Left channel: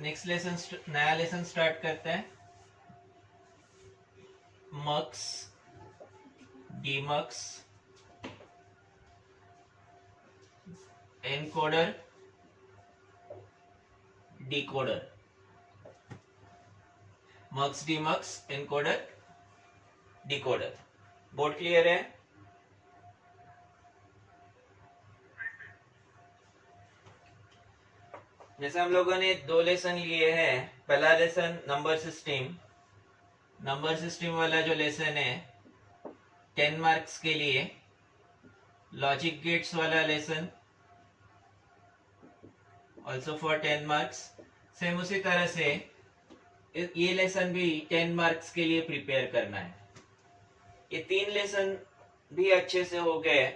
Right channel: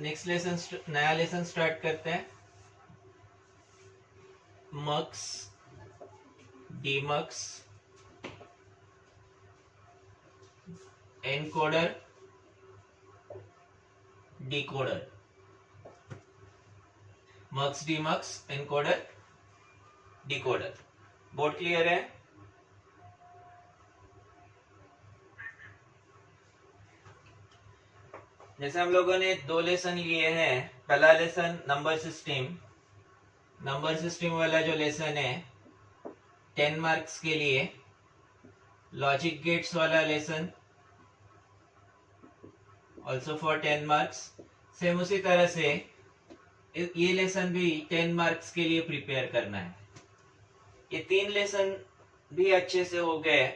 Next lesson, नया lesson start करते हैं। Mux, demux, encoder, decoder. Mux, demux, encoder, decoder. Board clear है? जैसे हम लोगों ने 2 लेसन लिए हैं। पहला lesson number system, number system वाला जो लेसन है 10 मार्क्स के लिए। लॉजिक गेट्स वाला lesson also for 10 marks. Same उसी तरह से ये लेसन भी 10 मार्क्स के लिए प्रिपेयर करना है। ये 3 लेसन भी अच्छे से हो गए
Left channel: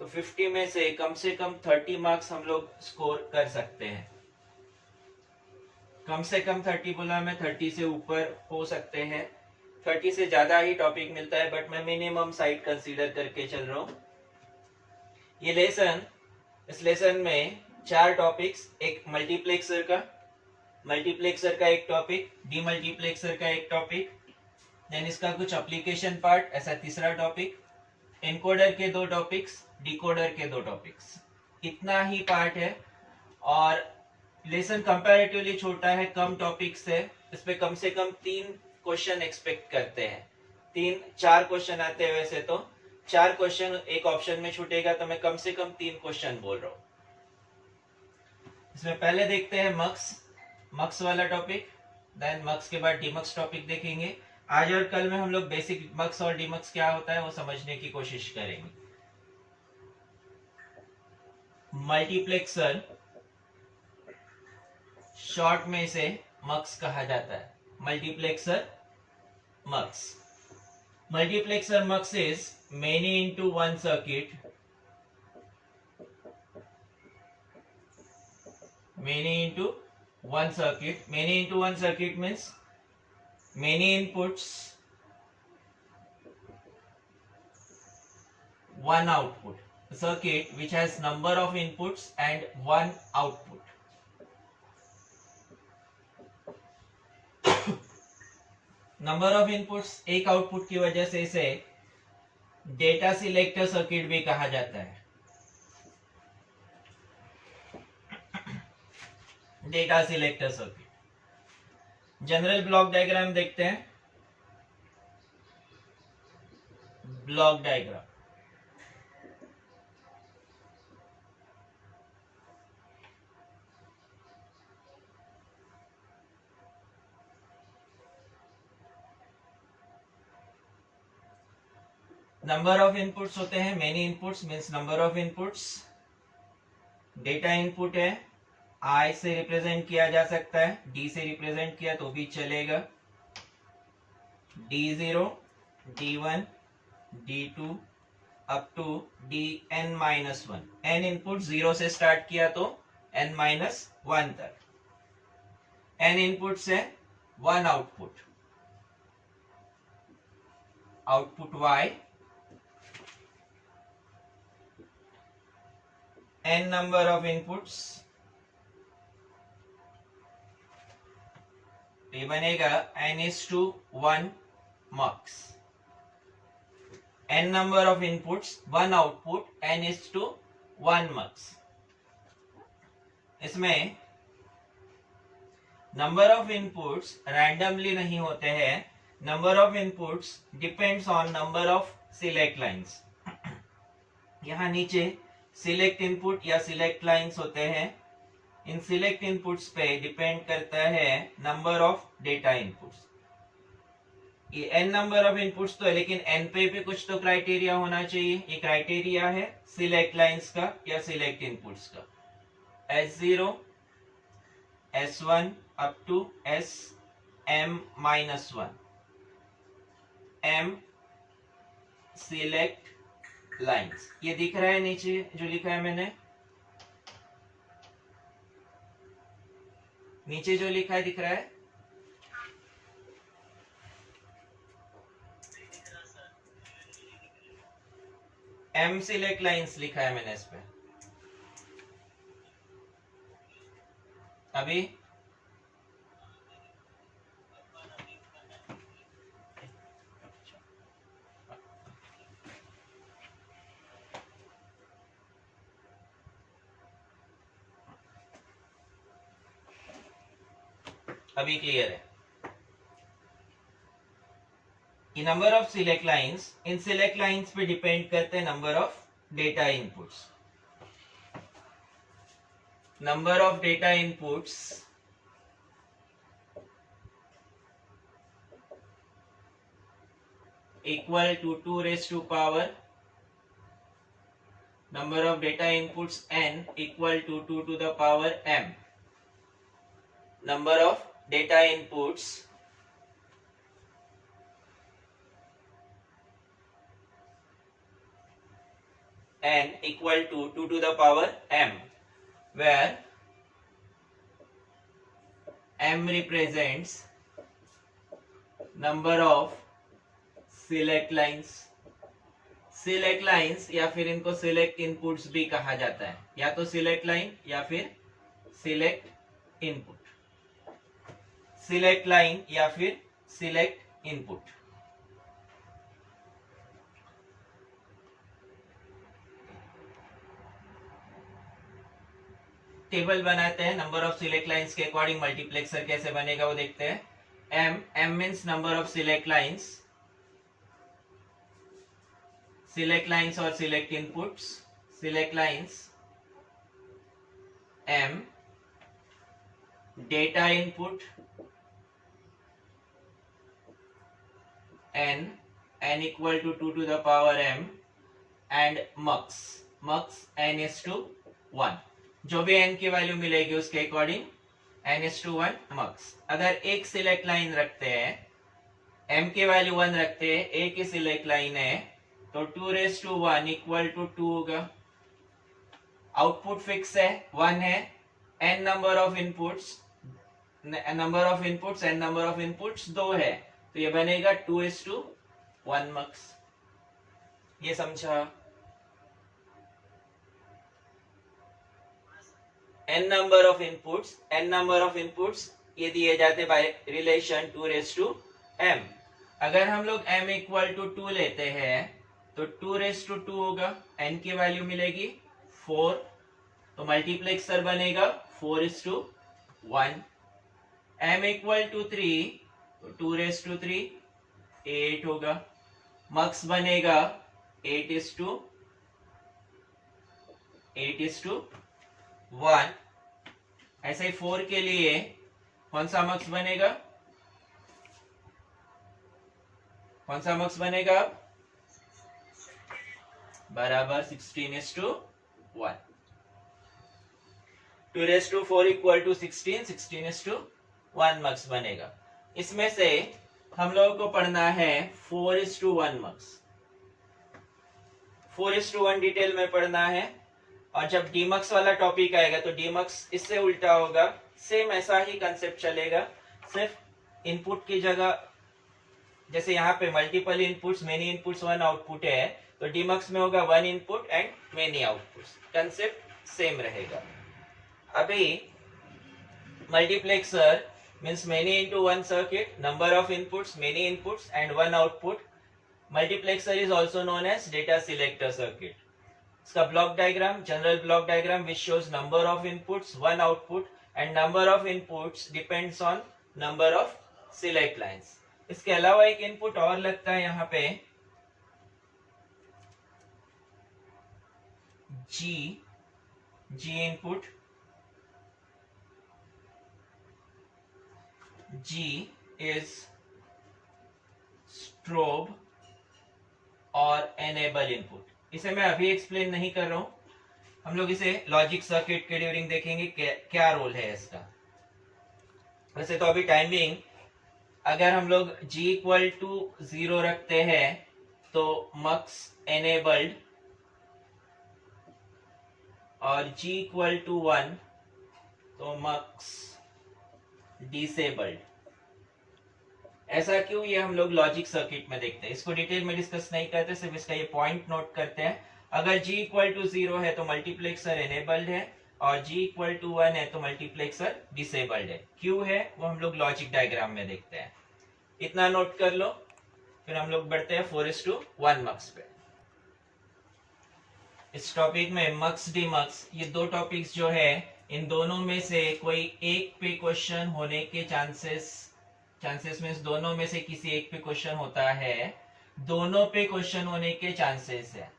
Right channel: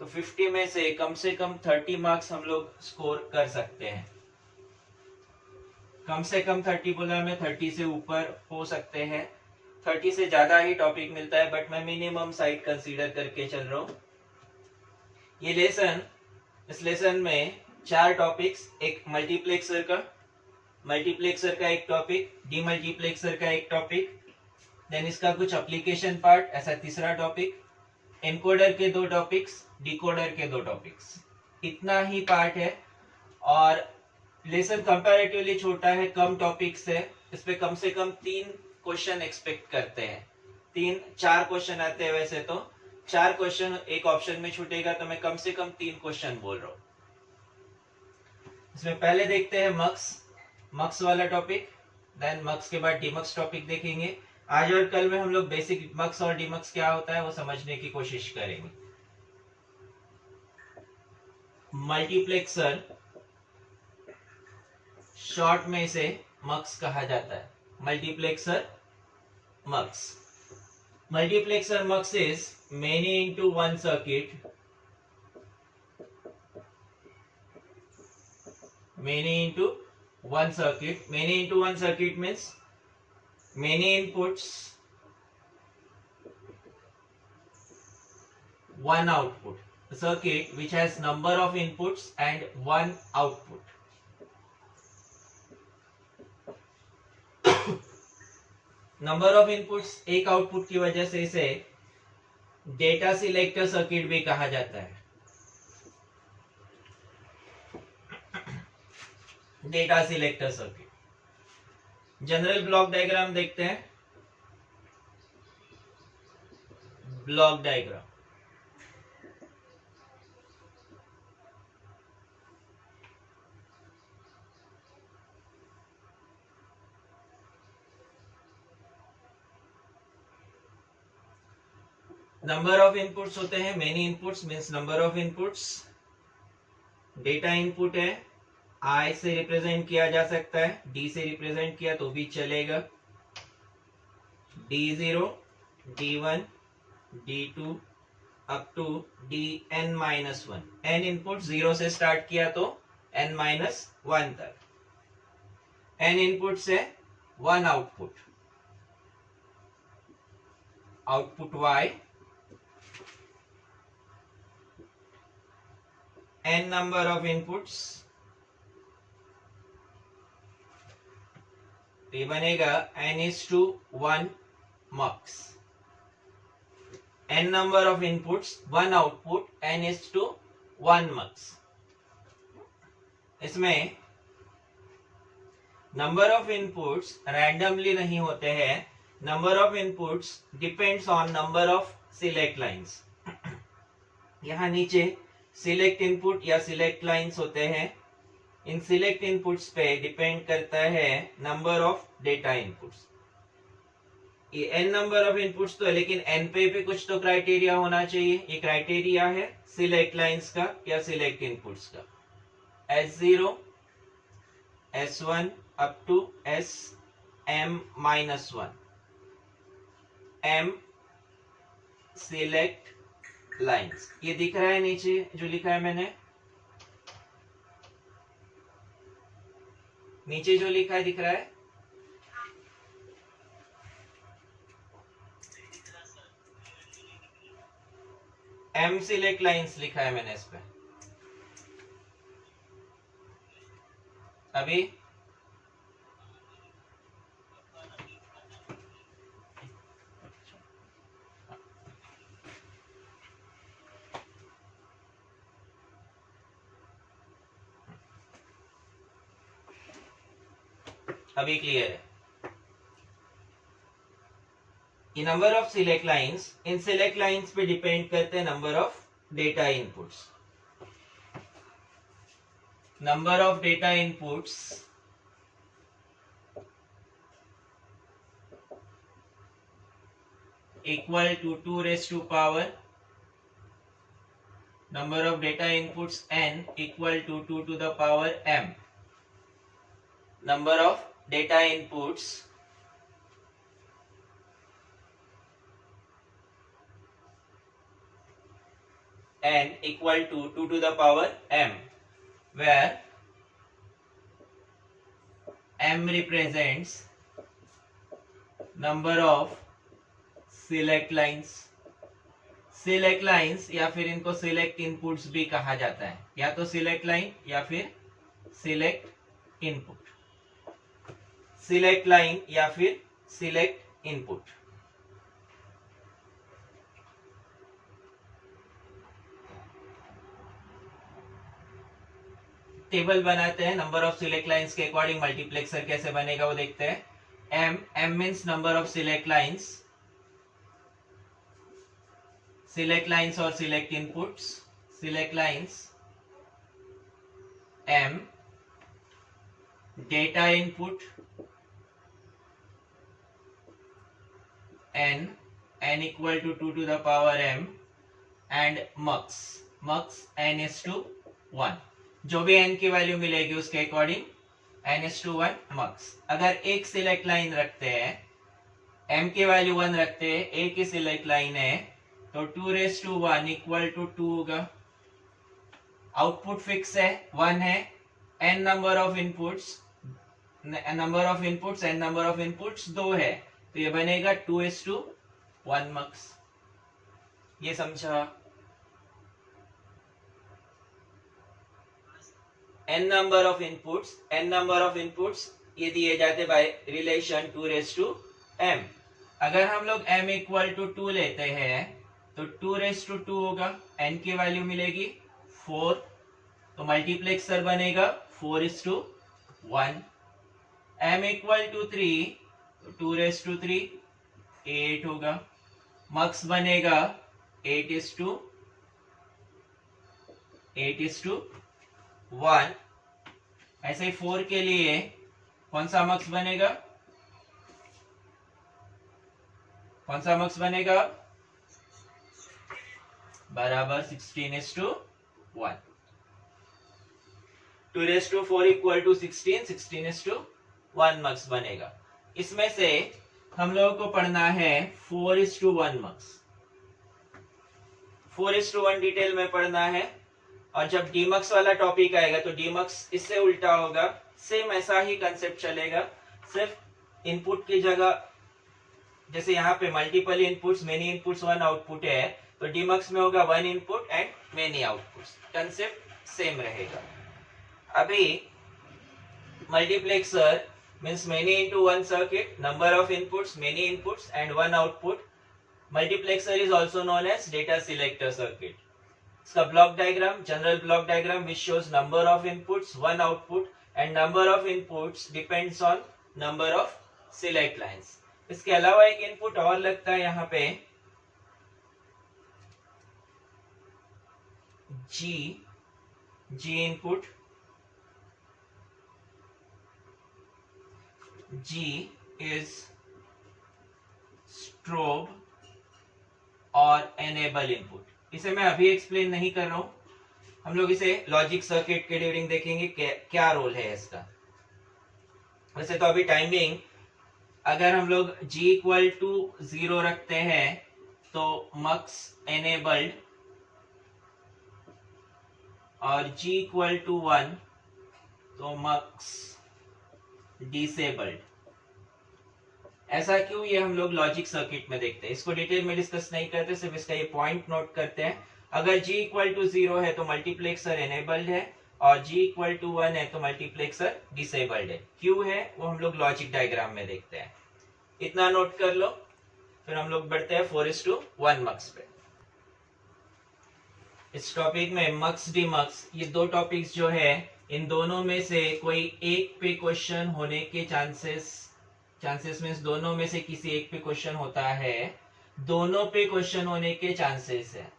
तो 50 में से कम 30 मार्क्स हम लोग स्कोर कर सकते हैं। कम से कम 30 बोला मैं, 30 से ऊपर हो सकते हैं। 30 से ज्यादा ही टॉपिक मिलता है, बट मैं मिनिमम साइड कंसीडर करके चल रहा हूँ। ये लेसन, इस लेसन में 4 टॉपिक्स, एक मल्टीप्लेक्सर का एक टॉपिक, डीमल्टीप्लेक्सर का एक टॉपिक, देन इसका कुछ एप्लीकेशन पार्ट ऐसा तीसरा टॉपिक, एनकोडर के 2 टॉपिक्स, डिकोडर के 2 टॉपिक्स। इतना ही पार्ट है और लेसन कंपैरेटिवली छोटा है, कम टॉपिक्स है। इस पे कम से कम 3 क्वेश्चन एक्सपेक्ट करते हैं। 4 क्वेश्चन आते हैं वैसे तो। 4 क्वेश्चन एक ऑप्शन में छूटेगा तो मैं कम से कम 3 क्वेश्चन बोल रहा हूँ। इसमें पहले देखते हैं मक्स वाला टॉपिक, देन मक्स के बाद डीमक्स टॉपिक देखेंगे। आज और कल में हम लोग बेसिक मक्स और डीमक्स क्या होता है वो समझने की कोशिश करेंगे। मल्टीप्लेक्सर शॉर्ट में इसे मक्स कहा जाता है। Multiplexer मक्स। Multiplexer mux is many into one circuit. Many into one circuit. Many into one circuit means many inputs, one output. A circuit which has number of inputs and one output. Number of inputs, एक output की वजह से इसे data selector circuit भी कहा जाता है। Data selector circuit. General block diagram देखते हैं। Block diagram, number of inputs होते हैं, many inputs means number of inputs. Data input है, आई से रिप्रेजेंट किया जा सकता है, डी से रिप्रेजेंट किया तो भी चलेगा। D0, D1, D2 up to Dn-1। n input 0 से स्टार्ट किया तो n-1 तक। n इनपुट से 1 output, output y, n number of inputs, ये बनेगा n/1 mux। n number of inputs, 1 output, n/1 mux। इसमें नंबर ऑफ इनपुट्स रैंडमली नहीं होते हैं। Number of inputs depends on number of select lines. यहाँ नीचे select input या select lines होते हैं। इन सिलेक्ट इनपुट्स पे डिपेंड करता है नंबर ऑफ डेटा इनपुट्स। ये n नंबर ऑफ इनपुट्स तो है, लेकिन n पे कुछ तो क्राइटेरिया होना चाहिए। ये क्राइटेरिया है सिलेक्ट लाइंस का या सिलेक्ट इनपुट्स का। S0, S1 up to Sm-1, m select lines. ये दिख रहा है नीचे जो लिखा है मैंने, नीचे जो लिखा है दिख रहा है। m सिलेक्ट लाइंस लिखा है मैंने इस पे। अभी अभी क्लियर है? ये number of select lines, in select lines पे डिपेंड करते हैं number of data inputs. Number of data inputs equal to 2 raised to power number of data inputs n equal to 2 to the power m. Number of data inputs n equal to 2 to the power m, where m represents number of select lines. Select lines या फिर इनको select inputs भी कहा जाता है, या तो select line या फिर सिलेक्ट इनपुट. सिलेक्ट लाइन या फिर सिलेक्ट इनपुट. टेबल बनाते हैं नंबर ऑफ सिलेक्ट लाइंस के अकॉर्डिंग. मल्टीप्लेक्सर कैसे बनेगा वो देखते हैं. m means number of select lines, select lines और select inputs. Select lines m, data input n equal to 2 to the power m, and mux n is to 1. जो भी n की वैल्यू मिलेगी उसके according n is to 1 mux. अगर एक select line रखते हैं, m की वैल्यू 1 रखते हैं, एक ही सिलेक्ट लाइन है, तो 2 raised to 1 इक्वल टू 2 होगा. आउटपुट फिक्स है, 1 है. n number of inputs n number of inputs 2 है, तो ये बनेगा 2 is to 1 mux. ये समझा? n नंबर ऑफ इनपुट्स ये दिए जाते bye relation 2 raised to m. अगर हम लोग m इक्वल टू 2 लेते हैं तो 2 raised to 2 होगा, n की वैल्यू मिलेगी 4, तो मल्टीप्लेक्सर बनेगा 4 is to 1. m equal to 3, तो 2 raised to 3 8 होगा. मक्स बनेगा 8 is to 1. ऐसे ही 4 के लिए कौन सा मक्स बनेगा? बराबर 16 is to 1. 2 raised to 4 equal to 16 is to 1 मक्स बनेगा. इसमें से हम लोगों को पढ़ना है 4 is to 1 मक्स. 4 is to 1 detail में पढ़ना है, और जब डीमक्स वाला टॉपिक आएगा तो डीमक्स इससे उल्टा होगा. सेम ऐसा ही कंसेप्ट चलेगा, सिर्फ इनपुट की जगह, जैसे यहाँ पे multiple inputs, many inputs 1 output है, तो डीमक्स में होगा 1 input and many outputs. Concept same रहेगा. अभी multiplexer means many into 1 circuit, number of inputs, many inputs and 1 output. Multiplexer is also known as data selector circuit. इसका block diagram, general block diagram which shows number of inputs, 1 output, and number of inputs depends on number of select lines. इसके अलावा एक input और लगता है यहाँ पे, जी input. G is strobe और enable input. इसे मैं अभी एक्सप्लेन नहीं कर रहा हूं, हम लोग इसे लॉजिक सर्किट के ड्यूरिंग देखेंगे क्या रोल है इसका. वैसे तो अभी टाइमिंग, अगर हम लोग G इक्वल टू 0 रखते हैं तो मक्स एनेबल्ड, और G इक्वल टू 1 तो मक्स डिसेबल्ड. ऐसा क्यों, ये हम लोग लॉजिक सर्किट में देखते हैं, इसको डिटेल में डिस्कस नहीं करते, सिर्फ इसका ये पॉइंट नोट करते हैं. अगर G इक्वल टू 0 है तो मल्टीप्लेक्सर एनेबल्ड है, और G इक्वल टू 1 है तो मल्टीप्लेक्सर डिसेबल्ड है. क्यों है वो हम लोग लॉजिक डायग्राम में देखते हैं. इतना नोट कर लो, फिर हम लोग बढ़ते हैं 4:1 मक्स पे. इस टॉपिक में मक्स डीमक्स, ये दो टॉपिक्स जो है इन दोनों में से कोई एक पे क्वेश्चन होने के चांसेस मीन्स दोनों में से किसी एक पे क्वेश्चन होता है, दोनों पे क्वेश्चन होने के चांसेस है।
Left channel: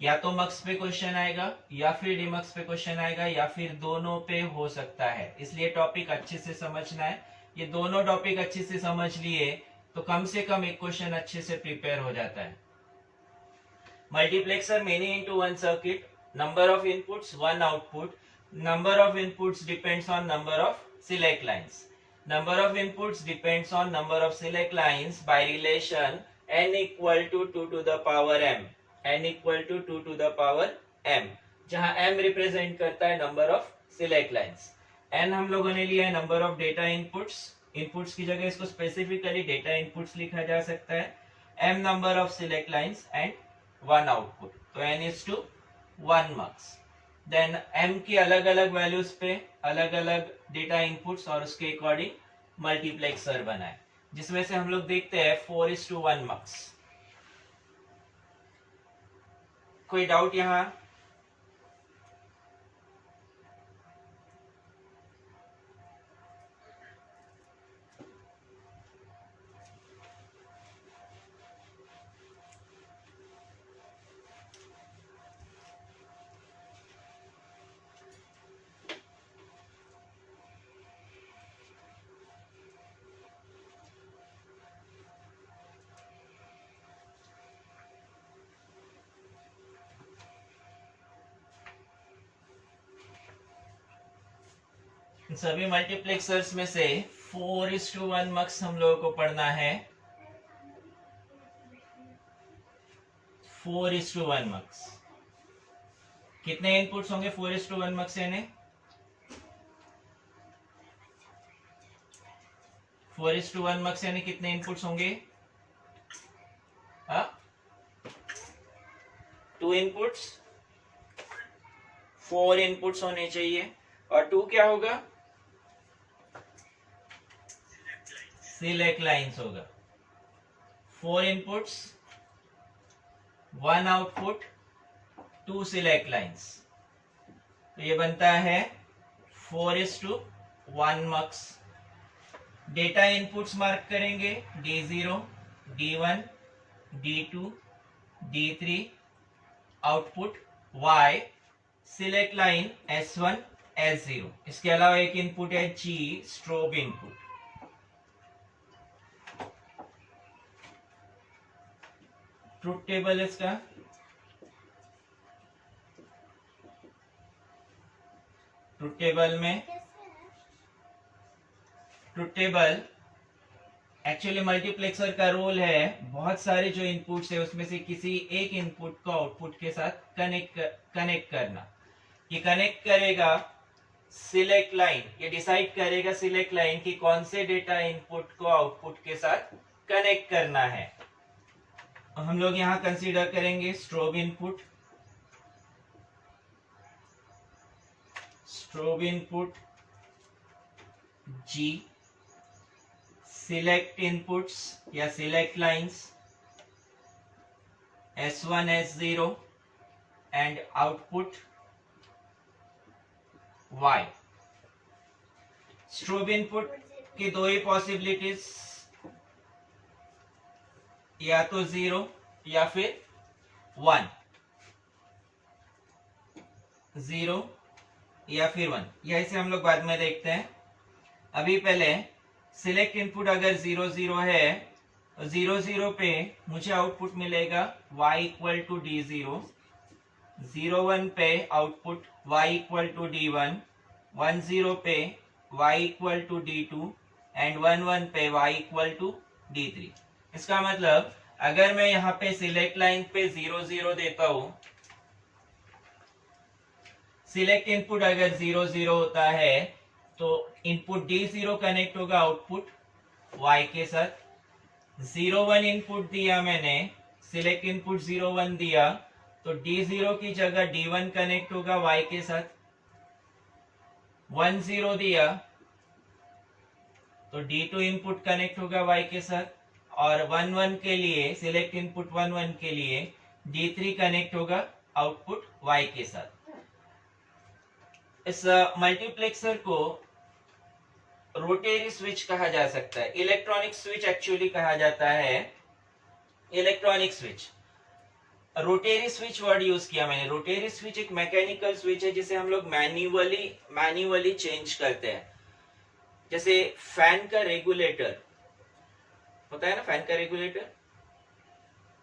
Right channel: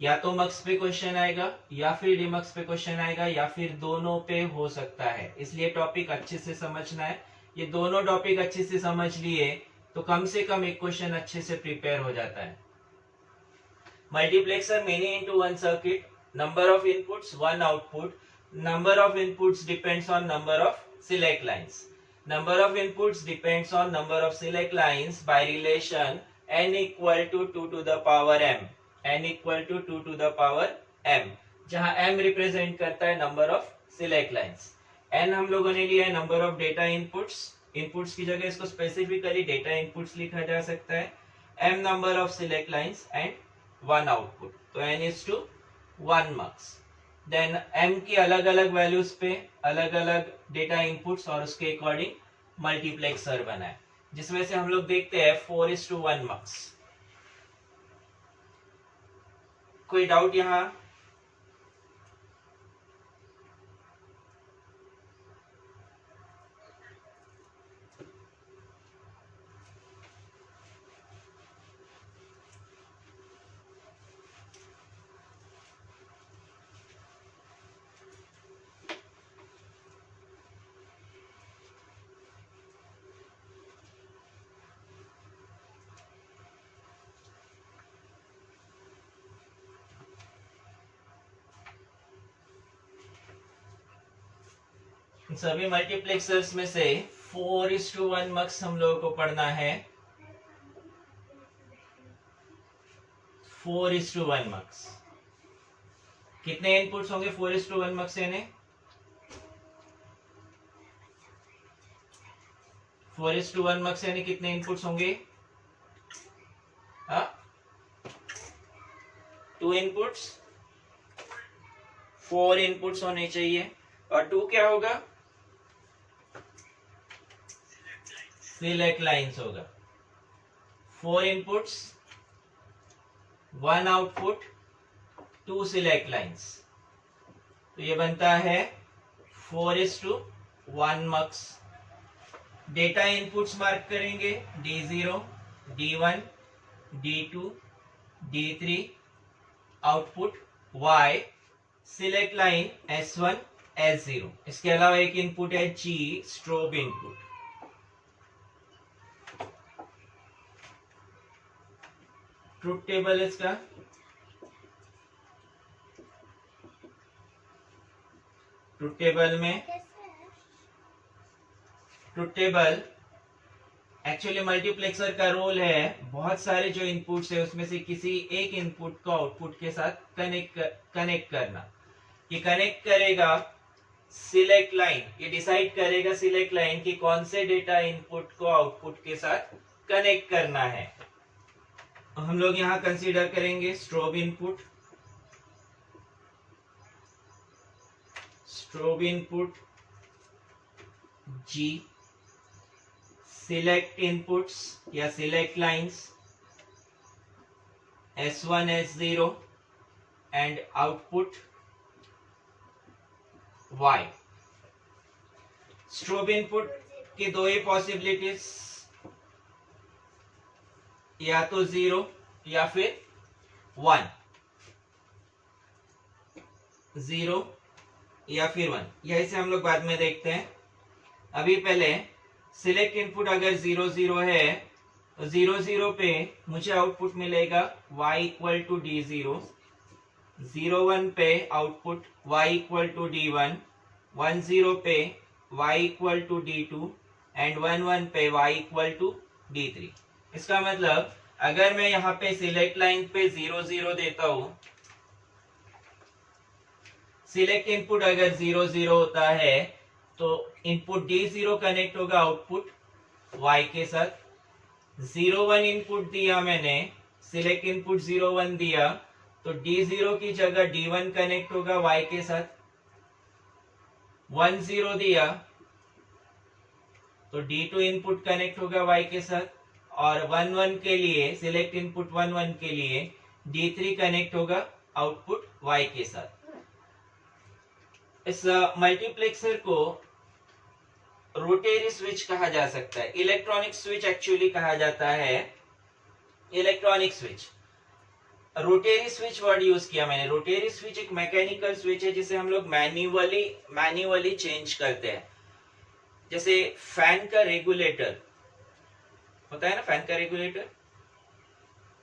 या तो मक्स पे क्वेश्चन आएगा या फिर डीमक्स पे क्वेश्चन आएगा या फिर दोनों पे हो सकता है। इसलिए टॉपिक अच्छे से समझना है। ये दोनों टॉपिक अच्छे से समझ लिए तो कम से कम एक क्वेश्चन अच्छे से प्रिपेयर हो जाता है। Multiplexer many into one circuit, number of inputs one output, number of inputs depends on number of select lines. Number of inputs depends on number of select lines by relation n equal to 2 to the power m. n equal to 2 to the power m, जहां m represent करता है number of select lines. n हम लोगों ने लिया है number of data inputs, inputs की जगह इसको स्पेसिफिकली डेटा इनपुट्स लिखा जा सकता है। m number of select lines and one output, तो n is to 1 marks। Then m की अलग अलग वैल्यूज पे अलग अलग डेटा इनपुट्स और उसके अकॉर्डिंग मल्टीप्लेक्सर बनाए, जिसमें से हम लोग देखते हैं 4:1 मार्क्स। कोई डाउट यहाँ? सभी मल्टीप्लेक्सर्स में से 4:1 मार्क्स हम लोगों को पढ़ना है। 4:1 मार्क्स कितने इनपुट्स होंगे 4:1 मार्क्स यानी 4:1 मार्क्स यानी कितने इनपुट्स होंगे? 2 इनपुट्स, 4 इनपुट्स होने चाहिए। और 2 क्या होगा? सिलेक्ट लाइंस होगा। 4 इनपुट्स, 1 आउटपुट, 2 सिलेक्ट लाइंस, तो ये बनता है 4:1 मार्क्स। डेटा इनपुट्स मार्क करेंगे D0, D1, D2, D3, output Y, select line S1, S0। इसके अलावा एक इनपुट है G, strobe input. Truth table इसका ट्रुथ टेबल एक्चुअली मल्टीप्लेक्सर का रोल है बहुत सारे जो इनपुट्स है उसमें से किसी एक इनपुट को आउटपुट के साथ कनेक्ट करना। ये कनेक्ट करेगा सिलेक्ट लाइन, ये डिसाइड करेगा सिलेक्ट लाइन कि कौन से डेटा इनपुट को आउटपुट के साथ कनेक्ट करना है। हम लोग यहां कंसीडर करेंगे strobe input, G, select inputs या select lines S1, S0 and output Y। Strobe input की दो ही पॉसिबिलिटीज, या तो 0 या फिर 1, 0 या फिर 1, यही से हम लोग बाद में देखते हैं। अभी पहले सिलेक्ट इनपुट अगर 0, 0 है तो 0, 0 पे मुझे आउटपुट मिलेगा y इक्वल टू D0, 0, 1 पे output y equal to D1, 1, 0 पे y equal to D2 and 1, 1 पे y इक्वल टू D3। इसका मतलब अगर मैं यहाँ पे सिलेक्ट लाइन पे 0, 0 देता हूं, सिलेक्ट इनपुट अगर 0, 0 होता है तो इनपुट D0 कनेक्ट होगा आउटपुट Y के साथ। 0, 1 इनपुट दिया मैंने, सिलेक्ट इनपुट 0, 1 दिया तो D0 की जगह D1 कनेक्ट होगा Y के साथ। 1, 0 दिया तो D2 इनपुट कनेक्ट होगा Y के साथ, और 1, 1 के लिए सिलेक्ट इनपुट 1, 1 के लिए D3 कनेक्ट होगा आउटपुट Y के साथ। इस मल्टीप्लेक्सर को रोटेरी स्विच कहा जा सकता है, इलेक्ट्रॉनिक स्विच एक्चुअली कहा जाता है, electronic switch. Rotary switch word use किया मैंने। रोटेरी स्विच एक मैकेनिकल स्विच है जिसे हम लोग मैन्युअली चेंज करते हैं। जैसे फैन का रेगुलेटर होता है ना, फैन का रेगुलेटर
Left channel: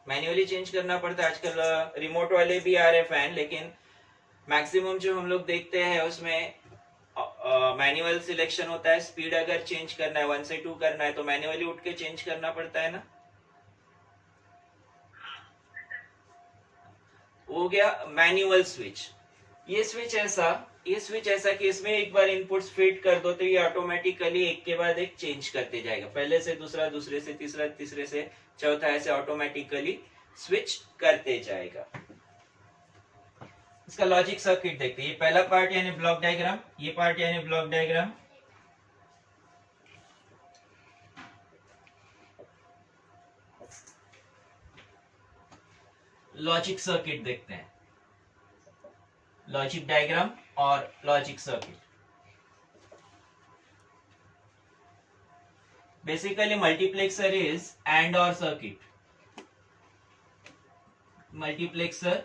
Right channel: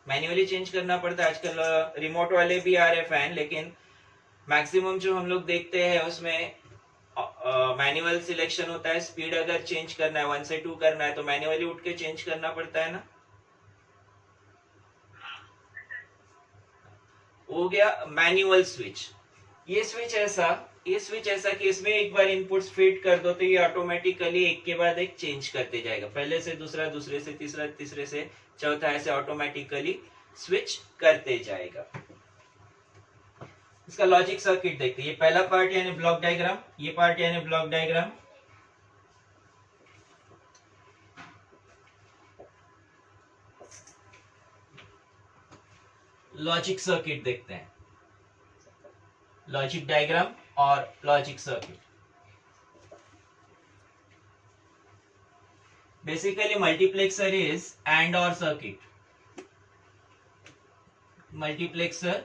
मैन्युअली चेंज करना पड़ता है। आजकल रिमोट वाले भी आ रहे फैन, लेकिन मैक्सिमम जो हम लोग देखते हैं उसमें मैनुअल सिलेक्शन होता है। स्पीड अगर चेंज करना है, 1 से 2 करना है, तो मैन्युअली उठ के चेंज करना पड़ता है ना। हो गया मैनुअल स्विच। ये स्विच ऐसा कि इसमें एक बार इनपुट्स फीड कर दो तो ये ऑटोमेटिकली एक के बाद एक चेंज करते जाएगा, पहले से दूसरा, दूसरे से तीसरा, तीसरे से चौथा, ऐसे ऑटोमेटिकली स्विच करते जाएगा। इसका लॉजिक सर्किट देखते हैं। ये पहला पार्ट यानी ब्लॉक डायग्राम, ये पार्ट यानी ब्लॉक डायग्राम। लॉजिक सर्किट देखते हैं, लॉजिक डायग्राम और logic circuit. Basically multiplexer is and और सर्किट। मल्टीप्लेक्सर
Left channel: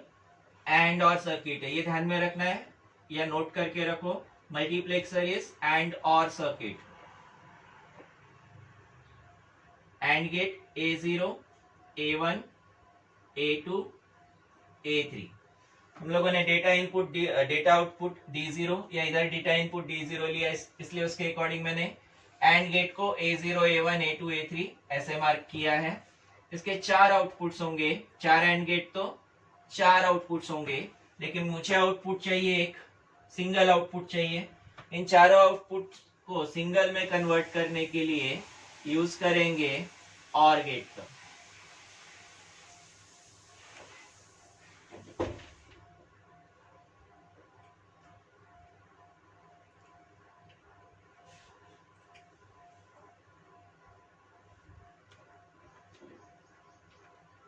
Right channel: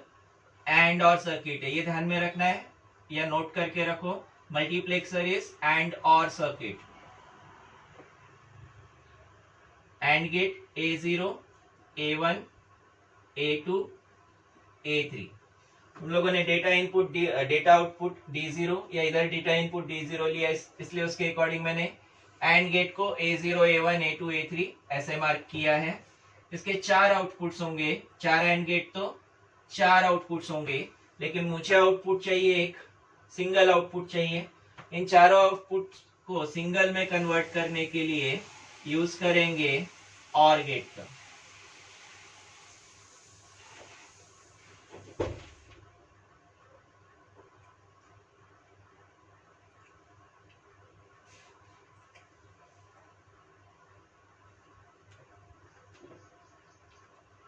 एंड और सर्किट है, ये ध्यान में रखना है या नोट करके रखो। मल्टीप्लेक्सर इज एंड और circuit. And gate A0, A1, A2, A3। हम लोगों ने data input data output D0 या इधर डेटा इनपुट D0 लिया, इसलिए उसके अकॉर्डिंग मैंने एंड गेट को A0, A1, A2, A3 ऐसे मार्क किया है। इसके 4 आउटपुट्स होंगे, 4 एंड गेट तो 4 आउटपुट्स होंगे, लेकिन मुझे आउटपुट चाहिए एक सिंगल आउटपुट चाहिए। इन चारों आउटपुट को सिंगल में कन्वर्ट करने के लिए यूज करेंगे और गेट का।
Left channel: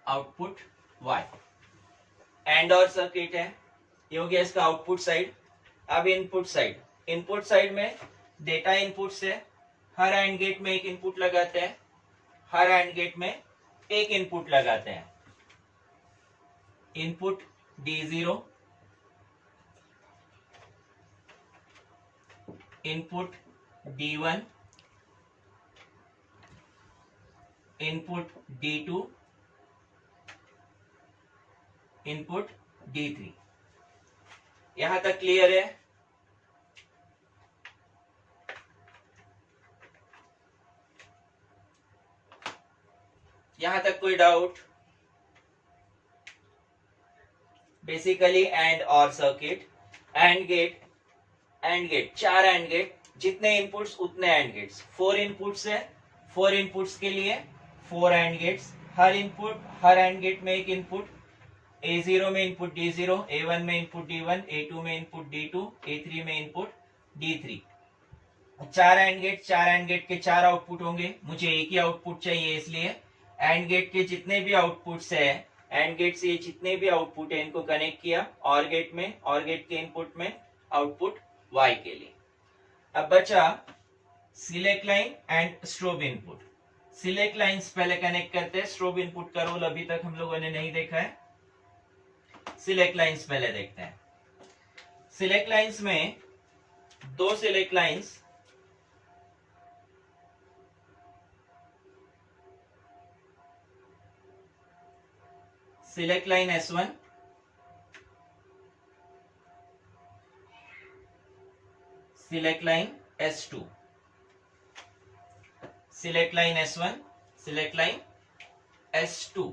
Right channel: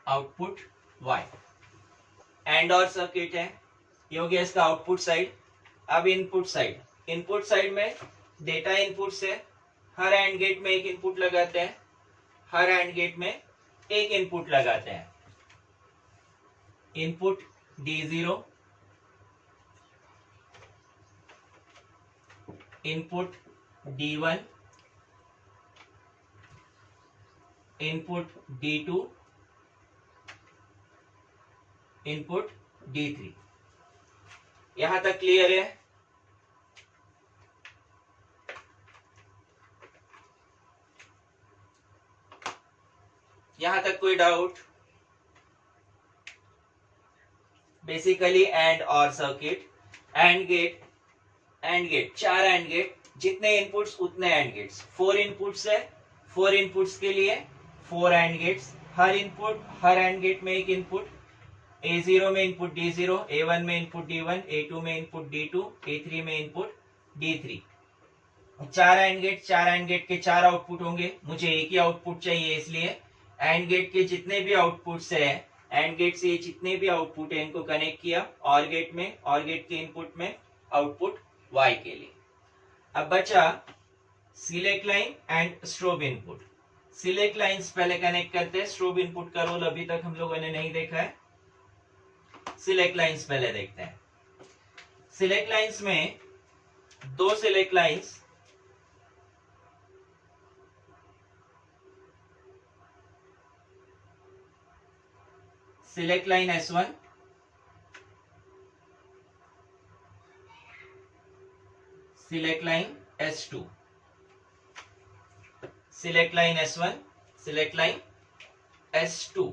आउटपुट y एंड और सर्किट है, ये हो गया इसका आउटपुट साइड। अब इनपुट साइड, इनपुट साइड में डेटा इनपुट से हर एंड गेट में एक इनपुट लगाते हैं, हर एंड गेट में एक इनपुट लगाते हैं। Input D0, input D1, input D2, input D3। यहां तक क्लियर है? यहां तक कोई डाउट? बेसिकली एंड और circuit, and gate, and gate, 4 and gate, जितने इनपुट्स उतने एंड गेट्स। 4 इनपुट्स है, 4 इनपुट्स के लिए 4 एंड गेट्स। हर इनपुट, हर एंड गेट में एक इनपुट। A0 में इनपुट D0, A1 में इनपुट D1, A2 में इनपुट D2, A3 में input D3। 4 and gate, 4 and gate के 4 आउटपुट होंगे, मुझे एक ही आउटपुट चाहिए, इसलिए एंड गेट के जितने भी आउटपुट्स है, एंड गेट से जितने भी आउटपुट है इनको कनेक्ट किया और गेट में, और गेट के इनपुट में आउटपुट Y के लिए। अब बचा select line and strobe input. Select lines पहले कनेक्ट करते हैं, स्ट्रोब इनपुट का रोल अभी तक हम लोगों ने नहीं देखा है। सिलेक्ट लाइंस पहले देखते हैं। सिलेक्ट लाइंस में 2 select lines, select line S1, select line S2, select line S1, select line S2।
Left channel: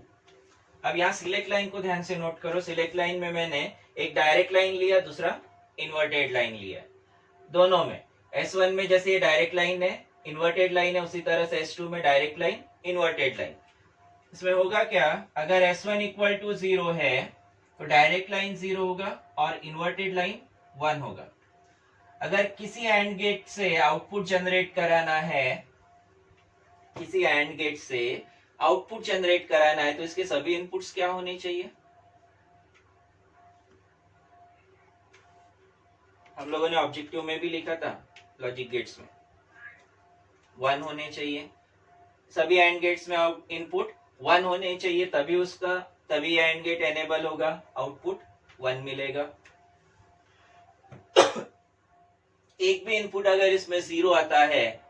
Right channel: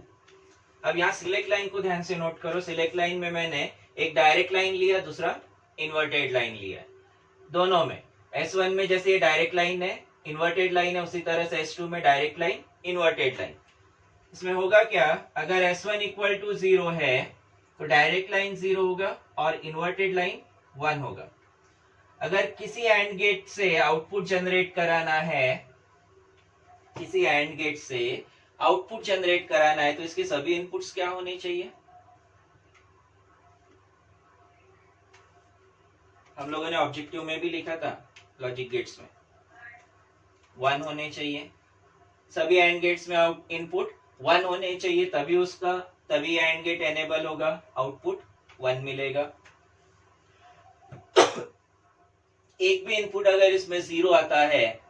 अब यहां सिलेक्ट लाइन को ध्यान से नोट करो। सिलेक्ट लाइन में मैंने एक डायरेक्ट लाइन लिया, दूसरा इन्वर्टेड लाइन लिया। दोनों में S1 में जैसे ये डायरेक्ट लाइन है, इन्वर्टेड लाइन है, उसी तरह से S2 में डायरेक्ट लाइन, इन्वर्टेड लाइन। इसमें होगा क्या, अगर S1 इक्वल टू 0 है तो डायरेक्ट लाइन 0 होगा और इन्वर्टेड लाइन 1 होगा। अगर किसी एंड गेट से आउटपुट जनरेट कराना है, किसी एंड गेट से आउटपुट जनरेट कराना है, तो इसके सभी इनपुट्स क्या होने चाहिए? हम लोगों ने ऑब्जेक्टिव में भी लिखा था लॉजिक गेट्स में 1 होने चाहिए, सभी एंड गेट्स में इनपुट 1 होने चाहिए, तभी एंड गेट एनेबल होगा, आउटपुट 1 मिलेगा। एक भी इनपुट अगर इसमें 0 आता है,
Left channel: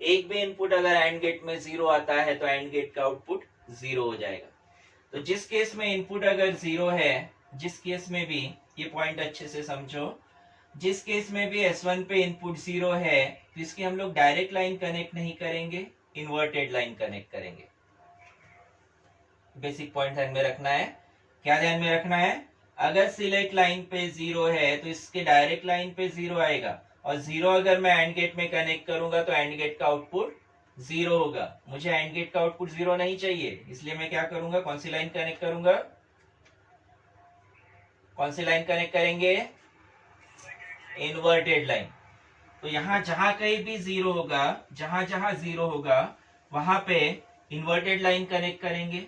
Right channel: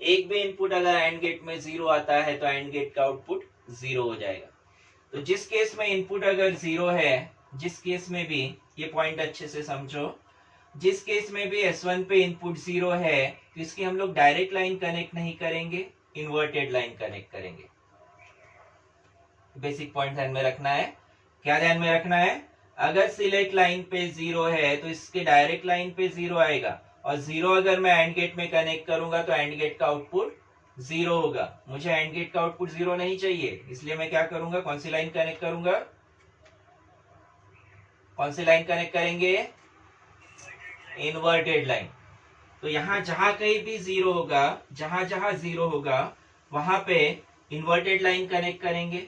एक भी इनपुट अगर एंड गेट में 0 आता है तो एंड गेट का आउटपुट 0 हो जाएगा। तो जिस केस में इनपुट अगर 0 है, जिस केस में भी, ये पॉइंट अच्छे से समझो, जिस केस में भी S1 पे इनपुट 0 है तो इसकी हम लोग डायरेक्ट लाइन कनेक्ट नहीं करेंगे, इन्वर्टेड लाइन कनेक्ट करेंगे। बेसिक पॉइंट ध्यान में रखना है। क्या ध्यान में रखना है? अगर सिलेक्ट लाइन पे 0 है तो इसके डायरेक्ट लाइन पे 0 आएगा, और 0 अगर मैं एंड गेट में कनेक्ट करूंगा तो एंड गेट का आउटपुट 0 होगा। मुझे एंड गेट का आउटपुट 0 नहीं चाहिए, इसलिए मैं क्या करूंगा, कौन सी लाइन कनेक्ट करूंगा, कौन सी लाइन कनेक्ट करेंगे, इन्वर्टेड लाइन। तो यहां जहां कहीं भी 0 होगा, जहां जहां 0 होगा वहां पे इन्वर्टेड लाइन कनेक्ट करेंगे।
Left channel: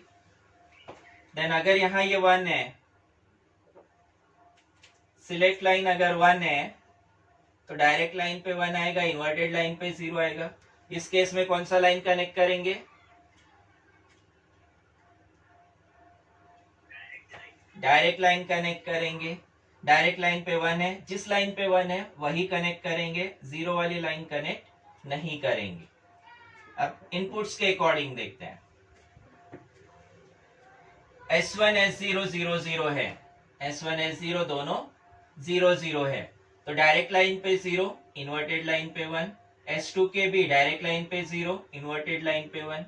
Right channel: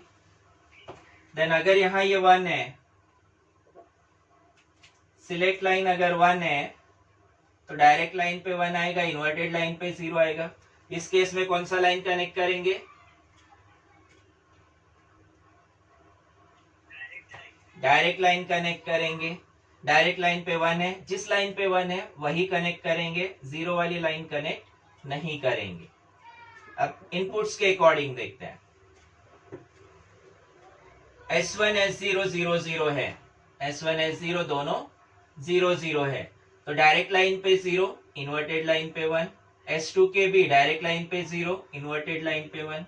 देन अगर यहां ये 1 है, सिलेक्ट लाइन अगर 1 है तो डायरेक्ट लाइन पे 1 आएगा, इन्वर्टेड लाइन पे 0 आएगा। इस केस में कौन सा लाइन कनेक्ट करेंगे, डायरेक्ट लाइन कनेक्ट करेंगे। डायरेक्ट लाइन पे 1 है, जिस लाइन पे 1 है वही कनेक्ट करेंगे, 0 वाली लाइन कनेक्ट नहीं करेंगे। अब इनपुट्स के अकॉर्डिंग देखते हैं। S1 S0 0 0 है, S1 S0 दोनों 0 0 है, तो डायरेक्ट लाइन पे 0, इन्वर्टेड लाइन पे 1। S2 के भी डायरेक्ट लाइन पे 0, इन्वर्टेड लाइन पे 1।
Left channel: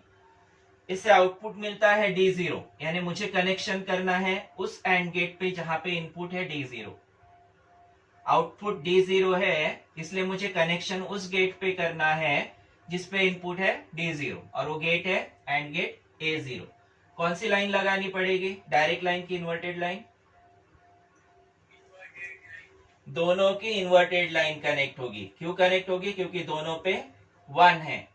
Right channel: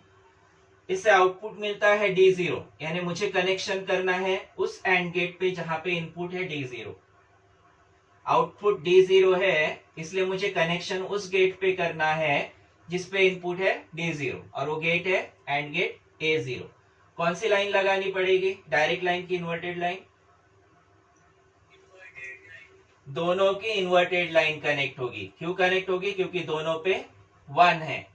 इससे आउटपुट मिलता है D0, यानी मुझे कनेक्शन करना है उस एंड गेट पे जहां पे इनपुट है D0। आउटपुट D0 है, इसलिए मुझे कनेक्शन उस गेट पे करना है जिसपे इनपुट है D0, और वो गेट है एंड गेट A0। कौन सी लाइन लगानी पड़ेगी, डायरेक्ट लाइन की इन्वर्टेड लाइन, दोनों की इन्वर्टेड लाइन कनेक्ट होगी। क्यों कनेक्ट होगी, क्योंकि दोनों पे 1 है।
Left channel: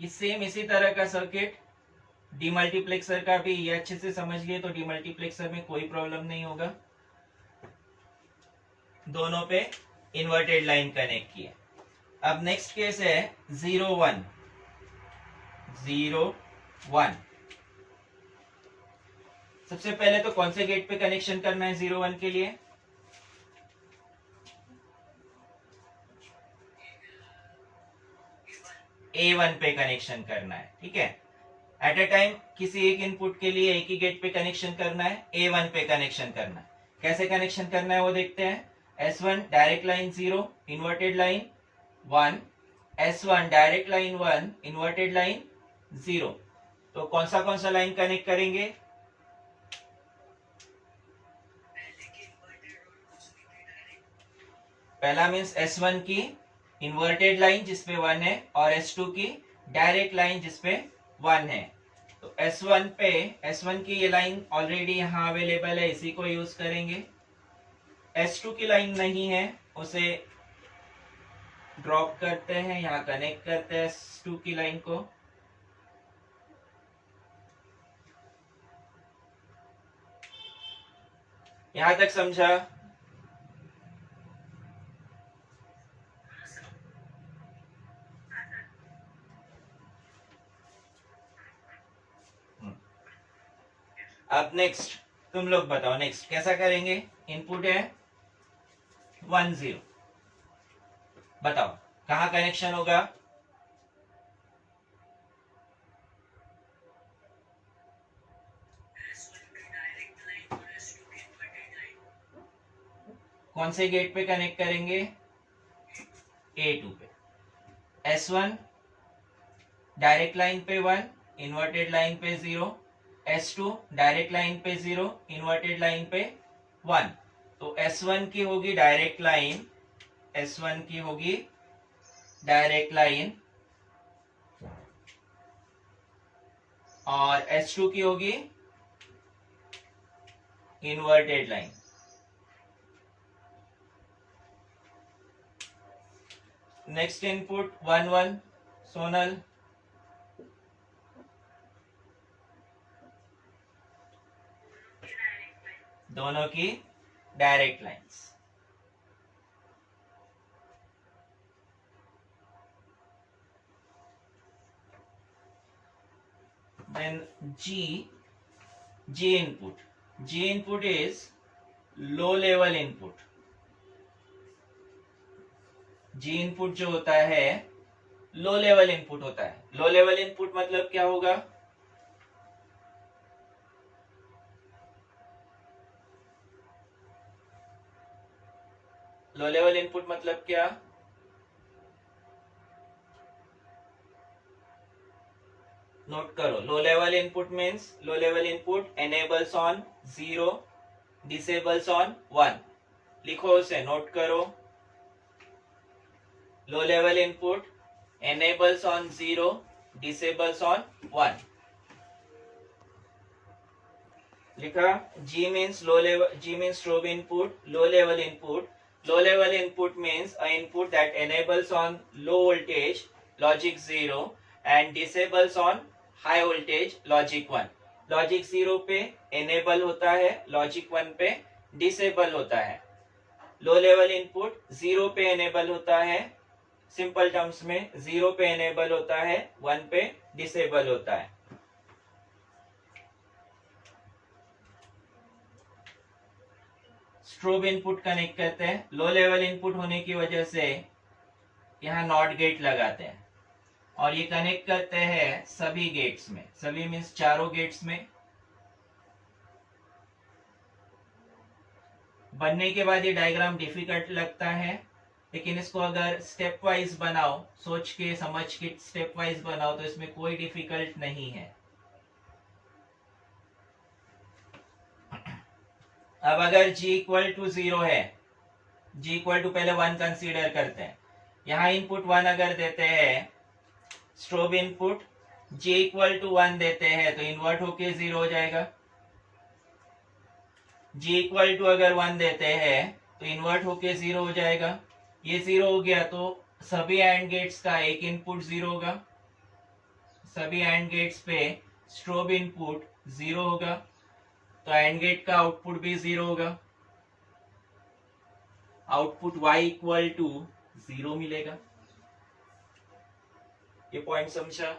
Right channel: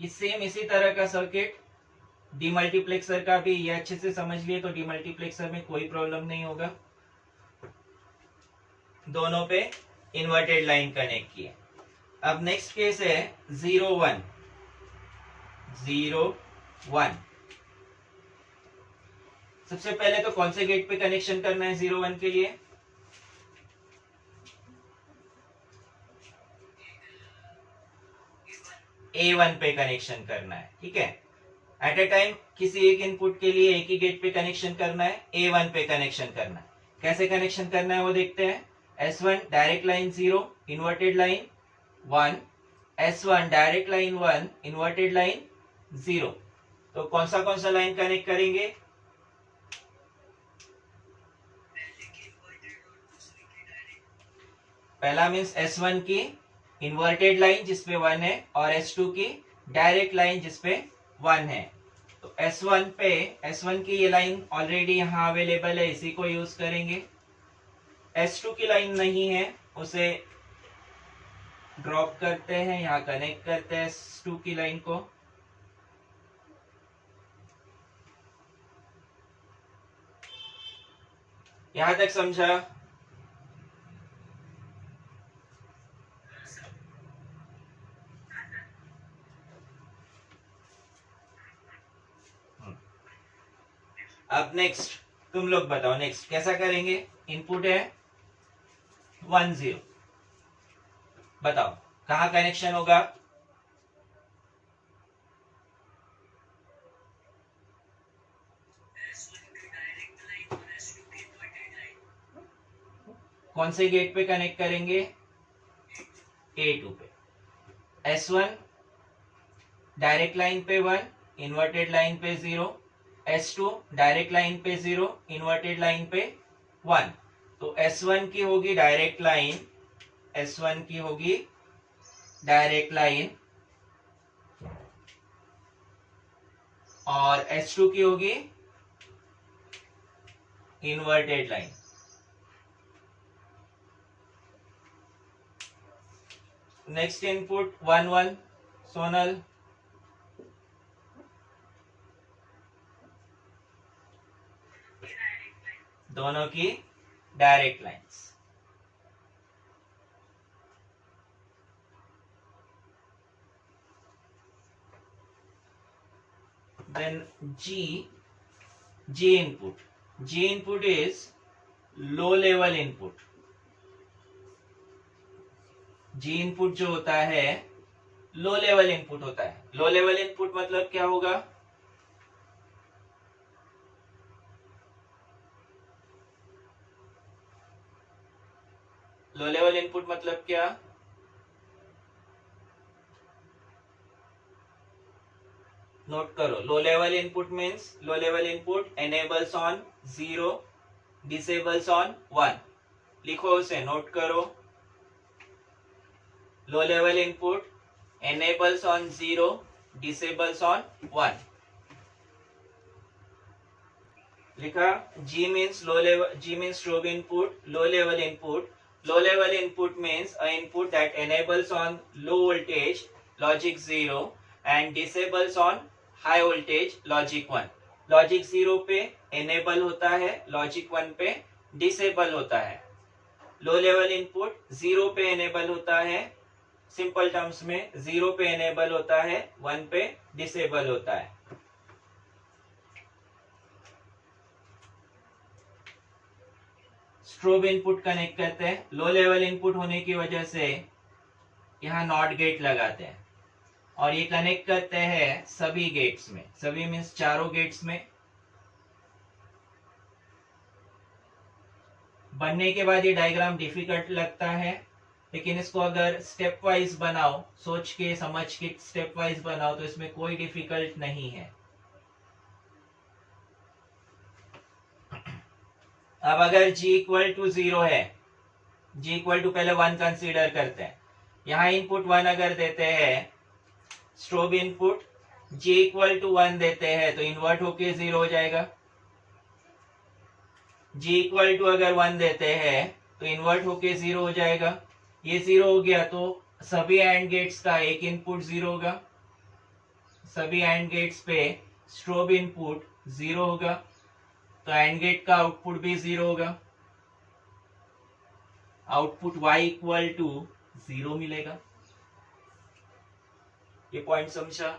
ये सेम इसी तरह का सर्किट डीमल्टीप्लेक्सर का भी, ये अच्छे से समझ लिए तो डीमल्टीप्लेक्सर में कोई प्रॉब्लम नहीं होगा। दोनों पे इन्वर्टेड लाइन कनेक्ट किए। अब नेक्स्ट केस है 0 1 0 1। सबसे पहले तो कौन से गेट पे कनेक्शन करना है 0 1 के लिए, A1 पे कनेक्शन करना है, ठीक है। एट ए टाइम किसी एक इनपुट के लिए एक ही गेट पे कनेक्शन करना है, A1 पे कनेक्शन करना है। कैसे कनेक्शन करना है वो देखते हैं। S1 direct line 0, inverted line 1, S1 direct line 1, inverted line 0। तो कौन सा लाइन कनेक्ट करेंगे, पहला मीन्स S1 की इन्वर्टेड लाइन जिसपे 1 है, और S2 की डायरेक्ट लाइन जिसपे 1 है। तो S1 की ये लाइन ऑलरेडी यहाँ अवेलेबल है, इसी को यूज करेंगे। S2 की लाइन नहीं है, उसे ड्रॉप करते हैं, यहाँ कनेक्ट करते हैं S2 की लाइन को। यहां तक समझा? अब नेक्स्ट तुम लोग बताओ, नेक्स्ट कैसा करेंगे। इनपुट है 1 0, बताओ कहां कनेक्शन होगा, कौन से गेट पे कनेक्ट करेंगे, A2 पे। S1 डायरेक्ट लाइन पे 1, इन्वर्टेड लाइन पे 0, S2 डायरेक्ट लाइन पे 0, इन्वर्टेड लाइन पे 1। तो S1 की होगी डायरेक्ट लाइन, S1 की होगी डायरेक्ट लाइन, और S2 की होगी inverted line. Next input 1 1, Sonal दोनों की direct lines. Then G input. G input is low level input. G input जो होता है लो लेवल इनपुट होता है। लो लेवल इनपुट मतलब क्या होगा? लो लेवल इनपुट मतलब क्या? नोट करो, लो level input means low level input enables on 0, disables on 1। लिखो उसे, नोट करो। लो level input enables on 0, disables on 1। लिखा। G means low level, G means strobe input, low level input। Low level input means a input that enables on low voltage logic 0 and disables on high voltage logic 1। Logic 0 पे enable होता है, logic 1 पे disable होता है। लो level input 0 पे enable होता है, simple terms में 0 पे enable होता है, 1 पे disable होता है। स्ट्रोब इनपुट कनेक्ट करते हैं। लो लेवल इनपुट होने की वजह से यहाँ नॉट गेट लगाते हैं और ये कनेक्ट करते हैं सभी गेट्स में। सभी मीन्स चारों गेट्स में। बनने के बाद ये डायग्राम डिफिकल्ट लगता है, लेकिन इसको अगर स्टेप वाइज बनाओ, सोच के समझ के स्टेप वाइज बनाओ, तो इसमें कोई डिफिकल्ट नहीं है। अब अगर G इक्वल टू 0 है, G इक्वल टू पहले 1 कंसीडर करते हैं। यहाँ इनपुट 1 अगर देते हैं, strobe input G equal to 1 देते हैं तो इन्वर्ट होके 0 हो जाएगा। G इक्वल टू अगर 1 देते हैं तो इन्वर्ट होके 0 हो जाएगा। ये 0 हो गया तो सभी एंड गेट्स का एक इनपुट 0 होगा। सभी एंड गेट्स पे स्ट्रोब इनपुट 0 होगा, तो एंड गेट का आउटपुट भी 0 होगा। आउटपुट y इक्वल टू 0 मिलेगा। ये पॉइंट समझा?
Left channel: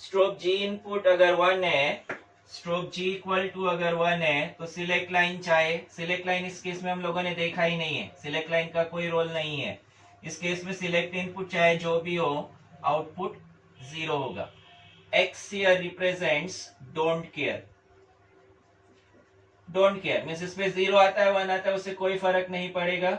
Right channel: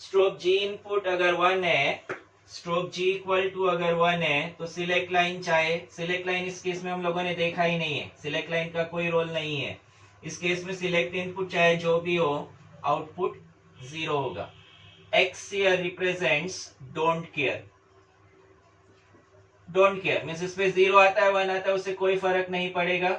स्ट्रोब G इनपुट अगर 1 है, स्ट्रोब G इक्वल टू अगर 1 है तो सिलेक्ट लाइन चाहे, सिलेक्ट लाइन इस केस में हम लोगों ने देखा ही नहीं है, सिलेक्ट लाइन का कोई रोल नहीं है। इस केस में सिलेक्ट इनपुट चाहे जो भी हो, आउटपुट 0 होगा। X here represents don't care। Don't care means इस पे 0 आता है 1 आता है, उससे कोई फर्क नहीं पड़ेगा।